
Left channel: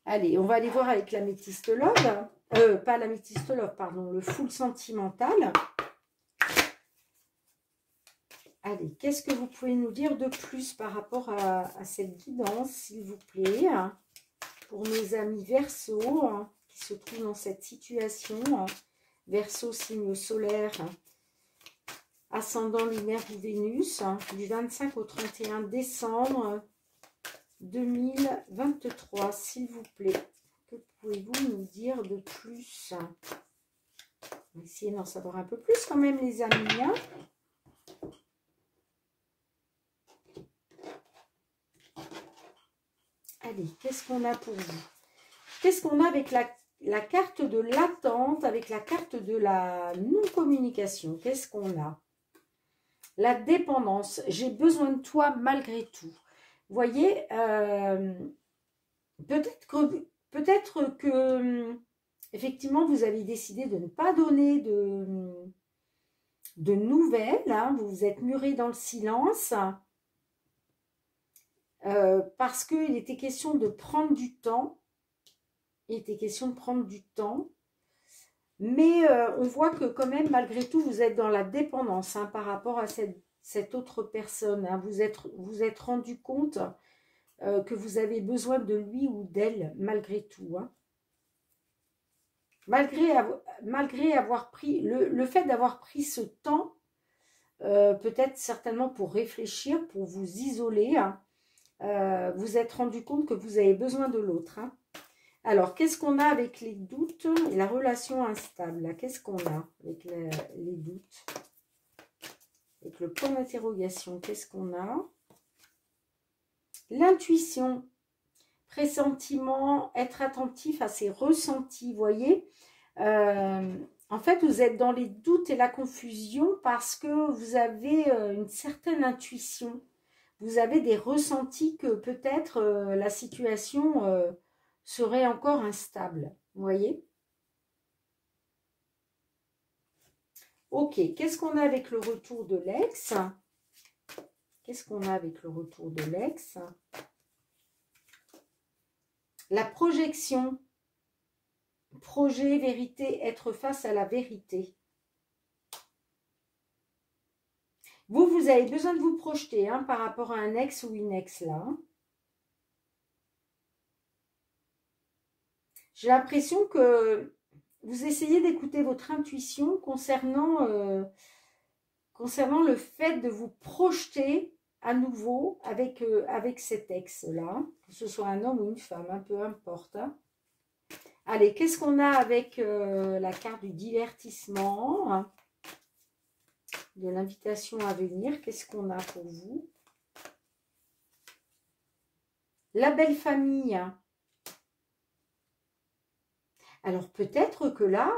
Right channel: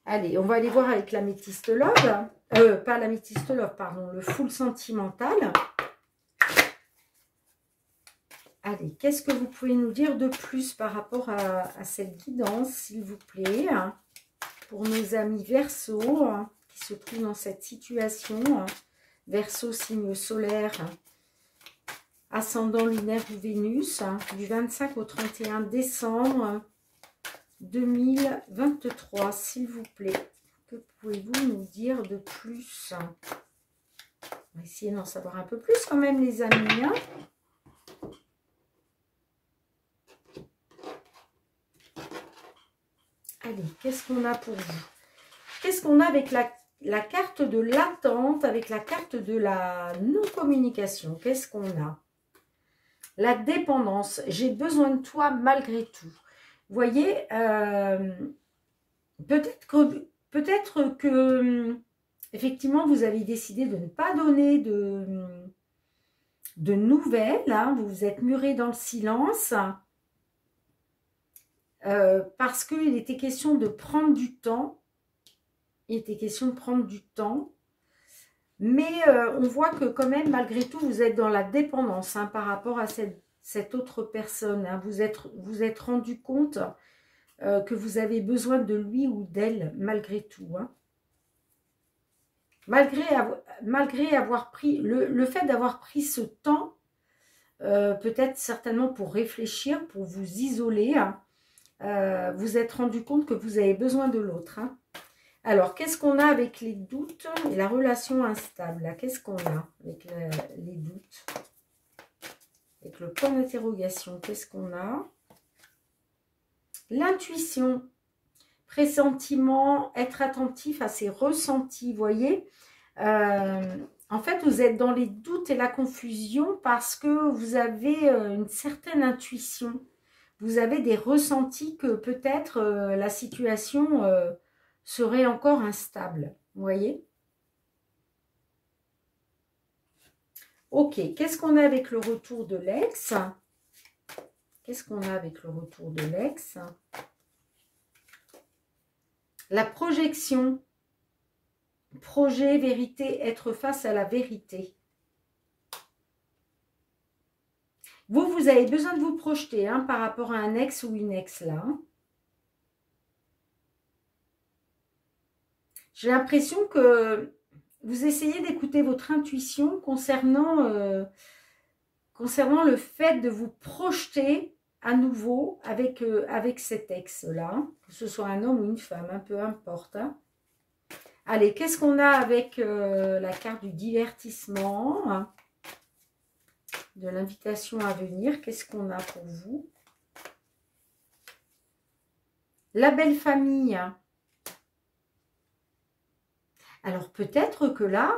Allez, on va aller voir avec l'améthyste love. Pas l'améthyste love, pardon, le full sentimental. Allez, qu'est-ce que vous pouvez nous dire de plus par rapport à cette guidance, s'il vous plaît, hein, pour nos amis Verseau, hein, qui se trouvent dans cette situation. Hein, Verseau, signe solaire, ascendant lunaire ou Vénus, hein, du 25 au 31 décembre 2023, s'il vous plaît. Que pouvez-vous nous dire de plus? On va essayer d'en savoir un peu plus quand même, les amis. Hein. Allez, qu'est-ce qu'on a pour vous? Qu'est-ce qu'on a avec la carte de l'attente, avec la carte de la non-communication? Qu'est-ce qu'on a? La dépendance. J'ai besoin de toi malgré tout. Vous voyez, peut-être que effectivement, vous avez décidé de ne pas donner de nouvelles. Hein, vous vous êtes muré dans le silence. Parce qu'il était question de prendre du temps. Il était question de prendre du temps. Mais on voit que quand même, malgré tout, vous êtes dans la dépendance hein, par rapport à cette autre personne. Hein. Vous êtes rendu compte que vous avez besoin de lui ou d'elle, malgré tout. Hein. Malgré avoir pris, le fait d'avoir pris ce temps, peut-être certainement pour réfléchir, pour vous isoler, hein, vous êtes rendu compte que vous avez besoin de l'autre. Hein. Alors, qu'est-ce qu'on a avec les doutes et la relation instable? Qu'est-ce qu'on a avec les doutes? Avec le point d'interrogation, qu'est-ce qu'on a? L'intuition, pressentiment, être attentif à ses ressentis, vous voyez. En fait, vous êtes dans les doutes et la confusion parce que vous avez une certaine intuition. Vous avez des ressentis que peut-être la situation serait encore instable. Vous voyez? Ok, qu'est-ce qu'on a avec le retour de l'ex? Qu'est-ce qu'on a avec le retour de l'ex? La projection. Projet, vérité, être face à la vérité. Vous avez besoin de vous projeter hein, par rapport à un ex ou une ex là. J'ai l'impression que vous essayez d'écouter votre intuition concernant le fait de vous projeter à nouveau avec, avec cet ex-là, que ce soit un homme ou une femme, hein, peu importe. Hein. Allez, qu'est-ce qu'on a avec la carte du divertissement, hein, de l'invitation à venir? Qu'est-ce qu'on a pour vous? La belle famille. Hein. Alors peut-être que là,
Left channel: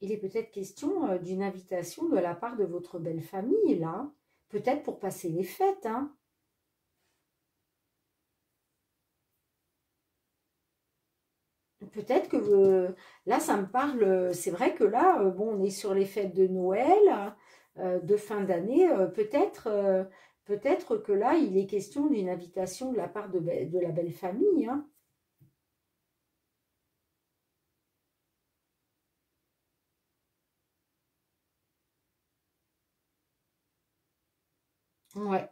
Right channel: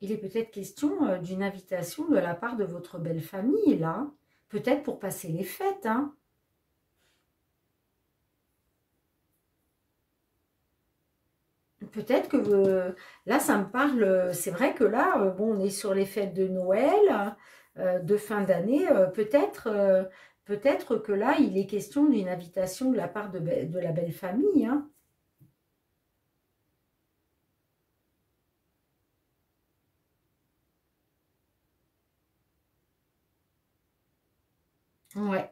il est peut-être question d'une invitation de la part de votre belle famille, là. Peut-être pour passer les fêtes, hein. Peut-être que là, ça me parle. C'est vrai que là, bon, on est sur les fêtes de Noël, de fin d'année. Peut-être que là, il est question d'une invitation de la part de la belle famille. Hein. Ouais.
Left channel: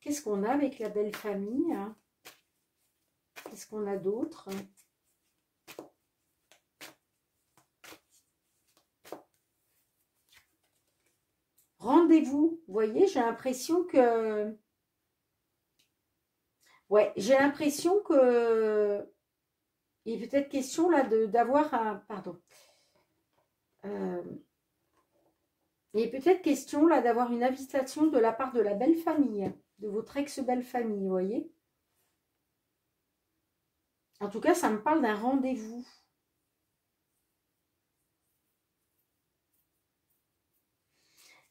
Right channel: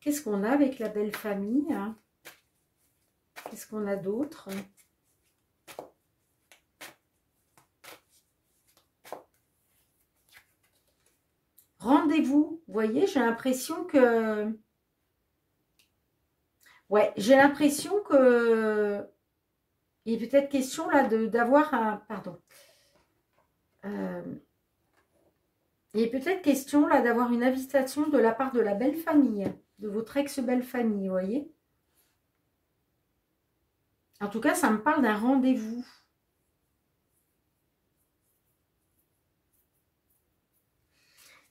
Qu'est-ce qu'on a avec la belle famille? Hein? Qu'est-ce qu'on a d'autre? Rendez-vous, vous voyez, j'ai l'impression que... Ouais, j'ai l'impression que... Il est peut-être question là d'avoir un... Pardon. Il est peut-être question là d'avoir une invitation de la part de la belle famille, de votre ex-belle famille, vous voyez. En tout cas, ça me parle d'un rendez-vous.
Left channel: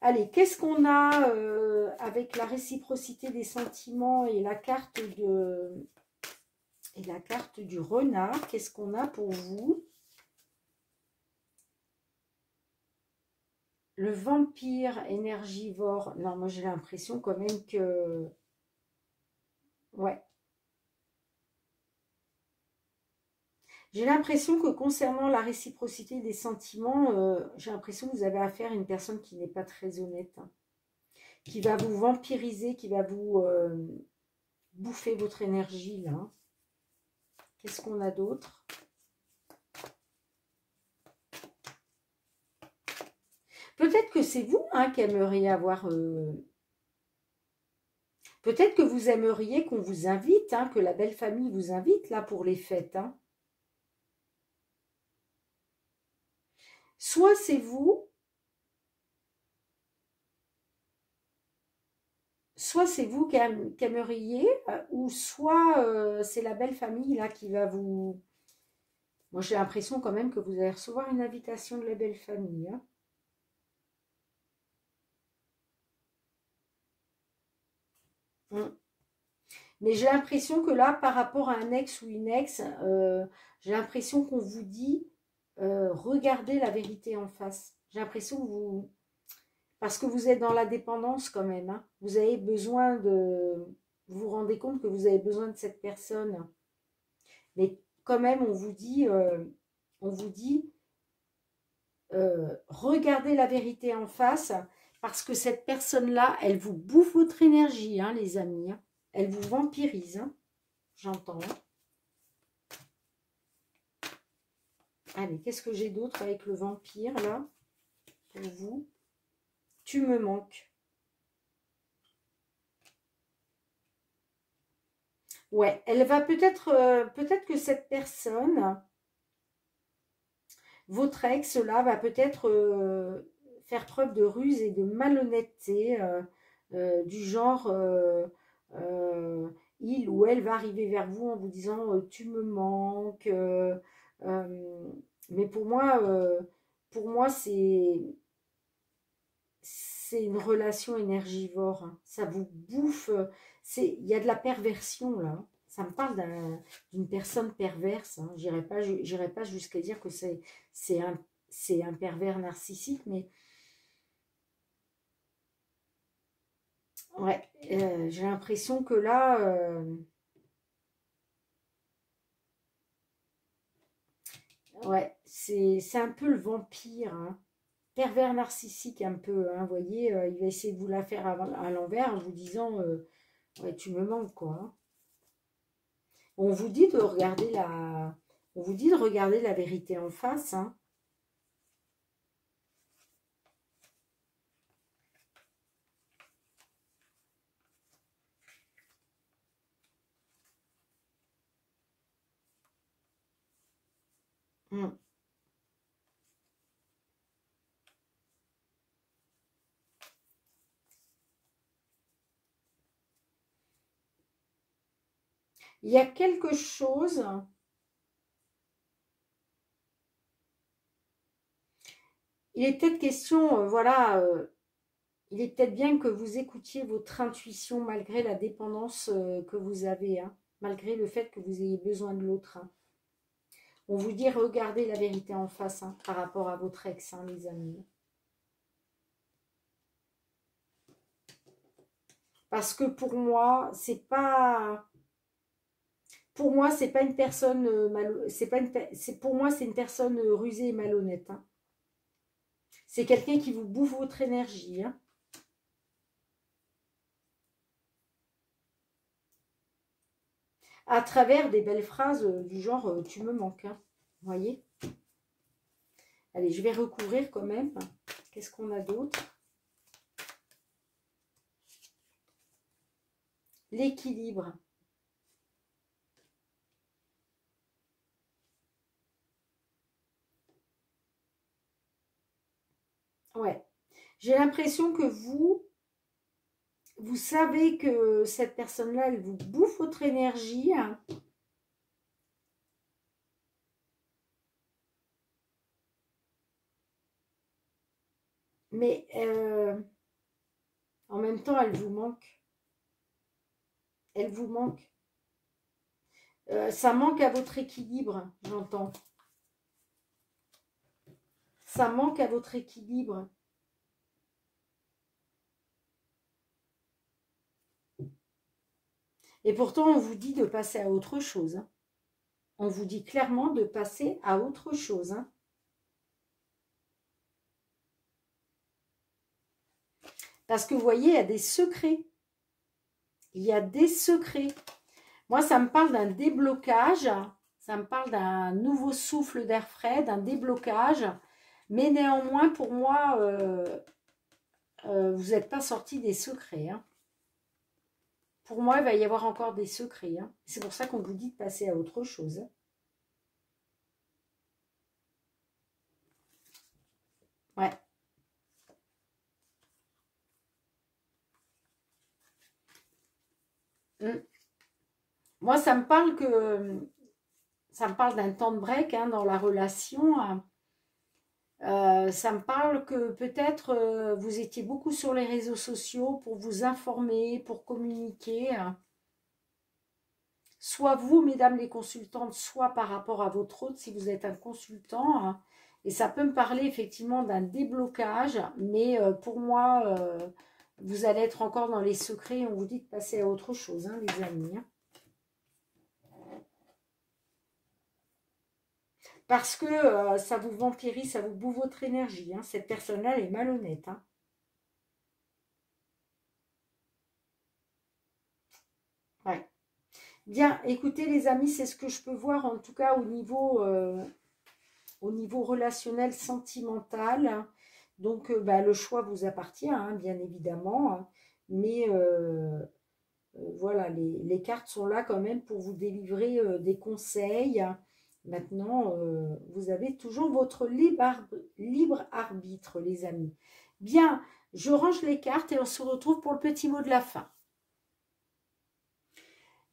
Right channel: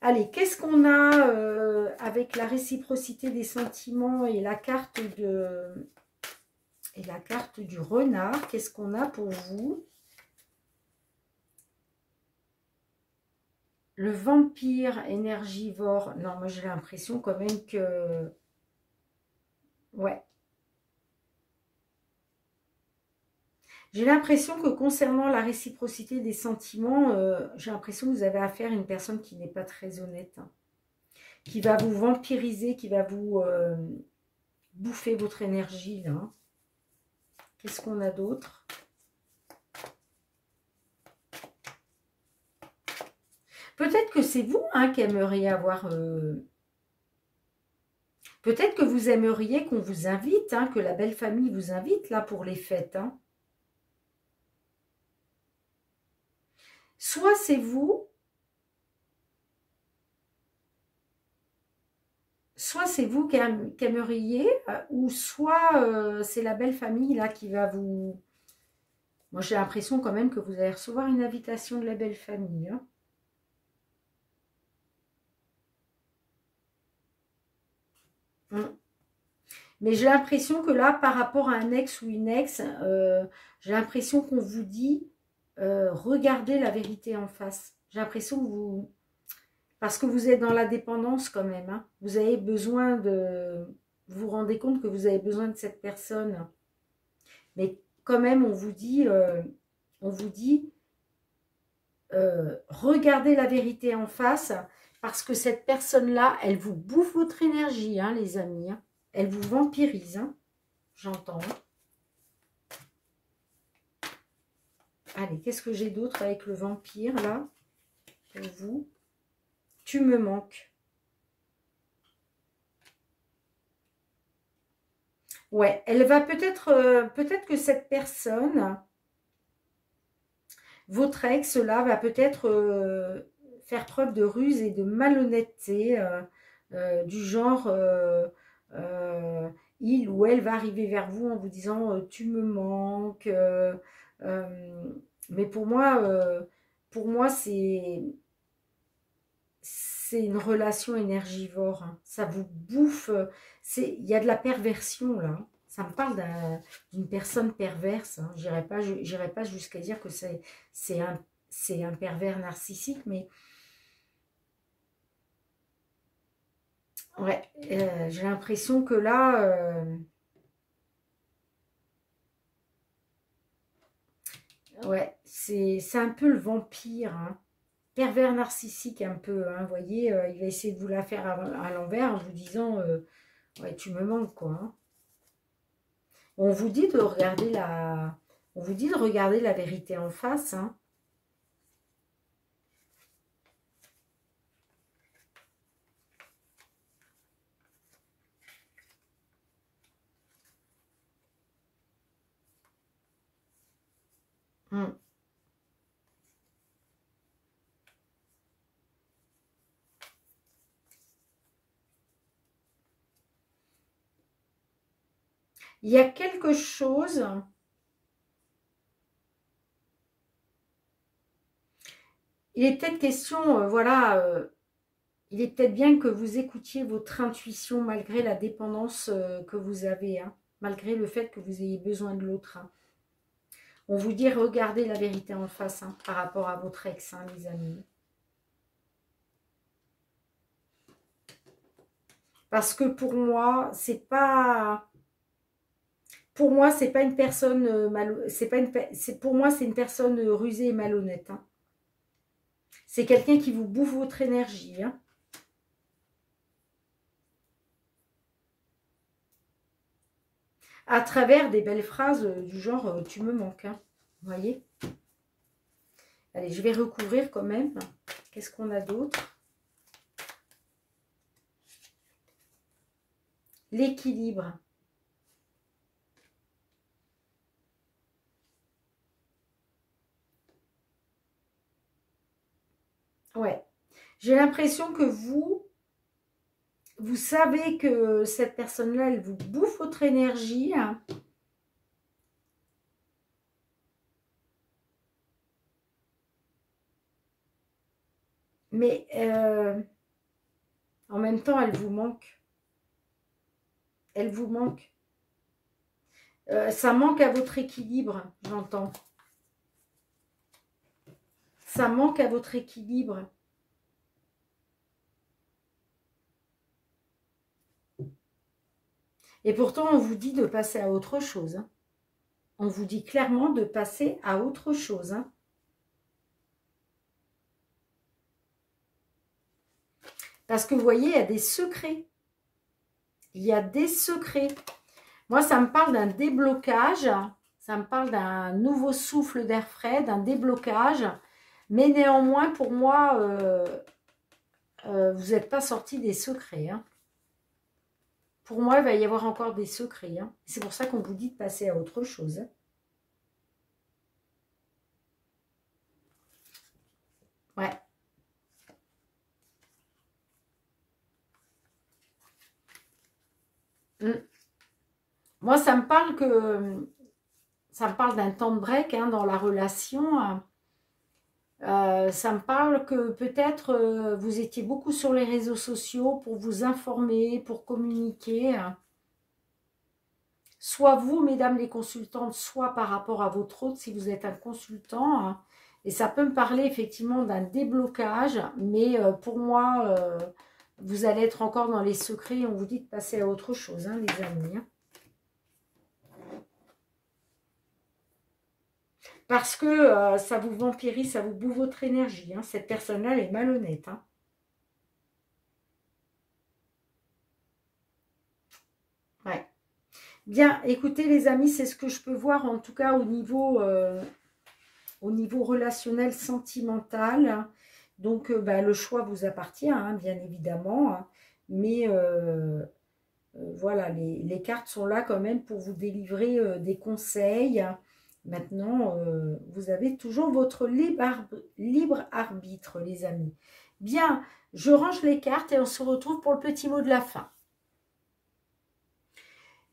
Allez, qu'est-ce qu'on a avec la réciprocité des sentiments et la carte du renard? Qu'est-ce qu'on a pour vous? Le vampire énergivore. Non, moi j'ai l'impression quand même que... Ouais. J'ai l'impression que concernant la réciprocité des sentiments, j'ai l'impression que vous avez affaire à une personne qui n'est pas très honnête. Hein, qui va vous vampiriser, qui va vous bouffer votre énergie. Là. Hein. Qu'est-ce qu'on a d'autre? Peut-être que c'est vous hein, qui aimeriez avoir... Peut-être que vous aimeriez qu'on vous invite, hein, que la belle famille vous invite là pour les fêtes. Hein. Soit c'est vous, soit c'est vous qui aimeriez, ou soit c'est la belle famille là qui va vous... Moi j'ai l'impression quand même que vous allez recevoir une invitation de la belle famille. Hein. Mais j'ai l'impression que là, par rapport à un ex ou une ex, j'ai l'impression qu'on vous dit, regardez la vérité en face. J'ai l'impression que vous... Parce que vous êtes dans la dépendance quand même. Hein. Vous avez besoin de... Vous vous rendez compte que vous avez besoin de cette personne. Mais quand même, on vous dit regardez la vérité en face. Parce que cette personne-là, elle vous bouffe votre énergie, hein, les amis. Hein. Elle vous vampirise, hein, j'entends. Allez, qu'est-ce que j'ai d'autre avec le vampire, là, pour vous? Tu me manques. Ouais, elle va peut-être peut-être que cette personne, votre ex là, va peut-être faire preuve de ruse et de malhonnêteté, du genre, euh, il ou elle va arriver vers vous en vous disant tu me manques. Euh, mais pour moi c'est une relation énergivore, hein. Ça vous bouffe. Il y a de la perversion là, hein. Ça me parle d'une personne perverse, hein. J'irai pas jusqu'à dire que c'est un, c'est un pervers narcissique, mais ouais, j'ai l'impression que là, ouais, c'est un peu le vampire, hein. Pervers narcissique un peu, hein, vous voyez, il va essayer de vous la faire à l'envers en vous disant, ouais, tu me manques quoi, hein. On vous dit de regarder on vous dit de regarder la vérité en face, hein. Hmm. Il y a quelque chose, il est peut-être question, voilà, il est peut-être bien que vous écoutiez votre intuition malgré la dépendance que vous avez, hein, malgré le fait que vous ayez besoin de l'autre, hein. On vous dit regardez la vérité en face, hein, par rapport à votre ex, hein, les amis. Parce que pour moi, c'est pas une personne c'est pas une, pour moi, c'est une personne rusée et malhonnête, hein. C'est quelqu'un qui vous bouffe votre énergie, hein, à travers des belles phrases du genre tu me manques, hein. Vous voyez? Allez, je vais recouvrir quand même. Qu'est-ce qu'on a d'autre? L'équilibre. Ouais. J'ai l'impression que vous savez que cette personne-là, elle vous bouffe votre énergie, hein, mais en même temps, elle vous manque. Elle vous manque. Ça manque à votre équilibre, j'entends. Ça manque à votre équilibre. Et pourtant, on vous dit de passer à autre chose, hein. On vous dit clairement de passer à autre chose, hein. Parce que vous voyez, il y a des secrets. Il y a des secrets. Moi, ça me parle d'un déblocage. Ça me parle d'un nouveau souffle d'air frais, d'un déblocage. Mais néanmoins, pour moi, vous n'êtes pas sorti des secrets, hein. Pour moi, il va y avoir encore des secrets, hein. C'est pour ça qu'on vous dit de passer à autre chose, hein. Ouais. Mm. Moi, ça me parle d'un temps de break, hein, dans la relation, hein. Ça me parle que peut-être vous étiez beaucoup sur les réseaux sociaux pour vous informer, pour communiquer, hein. Soit vous, mesdames les consultantes, soit par rapport à votre hôte, si vous êtes un consultant, hein. Et ça peut me parler effectivement d'un déblocage, mais pour moi, vous allez être encore dans les secrets. On vous dit de passer à autre chose, hein, les amis, hein. Parce que ça vous vampirise, ça vous bouffe votre énergie, hein. Cette personne-là, elle est malhonnête, hein. Ouais. Bien, écoutez les amis, c'est ce que je peux voir en tout cas au niveau relationnel, sentimental. Donc, bah, le choix vous appartient, hein, bien évidemment, hein. Mais voilà, les cartes sont là quand même pour vous délivrer des conseils. Maintenant, vous avez toujours votre libre arbitre, les amis. Bien, je range les cartes et on se retrouve pour le petit mot de la fin.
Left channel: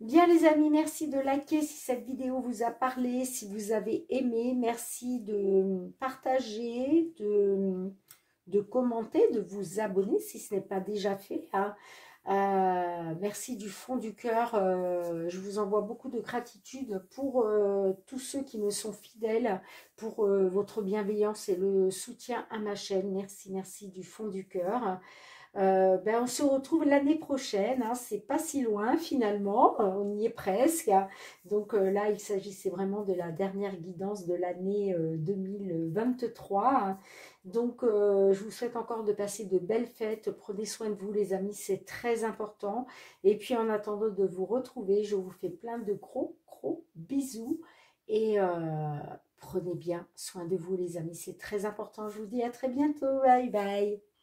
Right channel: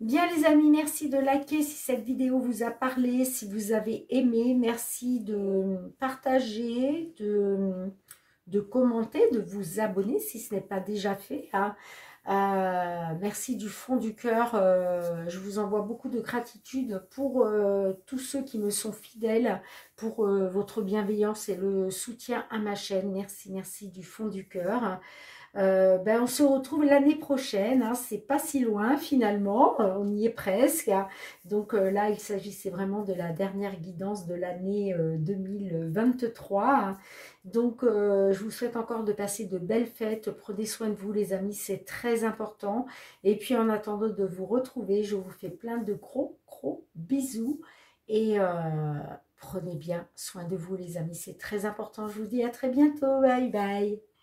Bien les amis, merci de liker si cette vidéo vous a parlé, si vous avez aimé. Merci de partager, de commenter, de vous abonner si ce n'est pas déjà fait, hein. Merci du fond du cœur. Je vous envoie beaucoup de gratitude pour tous ceux qui me sont fidèles, pour votre bienveillance et le soutien à ma chaîne. Merci, merci du fond du cœur. Ben, on se retrouve l'année prochaine, hein, c'est pas si loin finalement, on y est presque, hein. Donc là, il s'agissait vraiment de la dernière guidance de l'année 2023, hein. Donc je vous souhaite encore de passer de belles fêtes, prenez soin de vous les amis, c'est très important. Et puis en attendant de vous retrouver, je vous fais plein de gros bisous et prenez bien soin de vous les amis, c'est très important. Je vous dis à très bientôt, bye bye.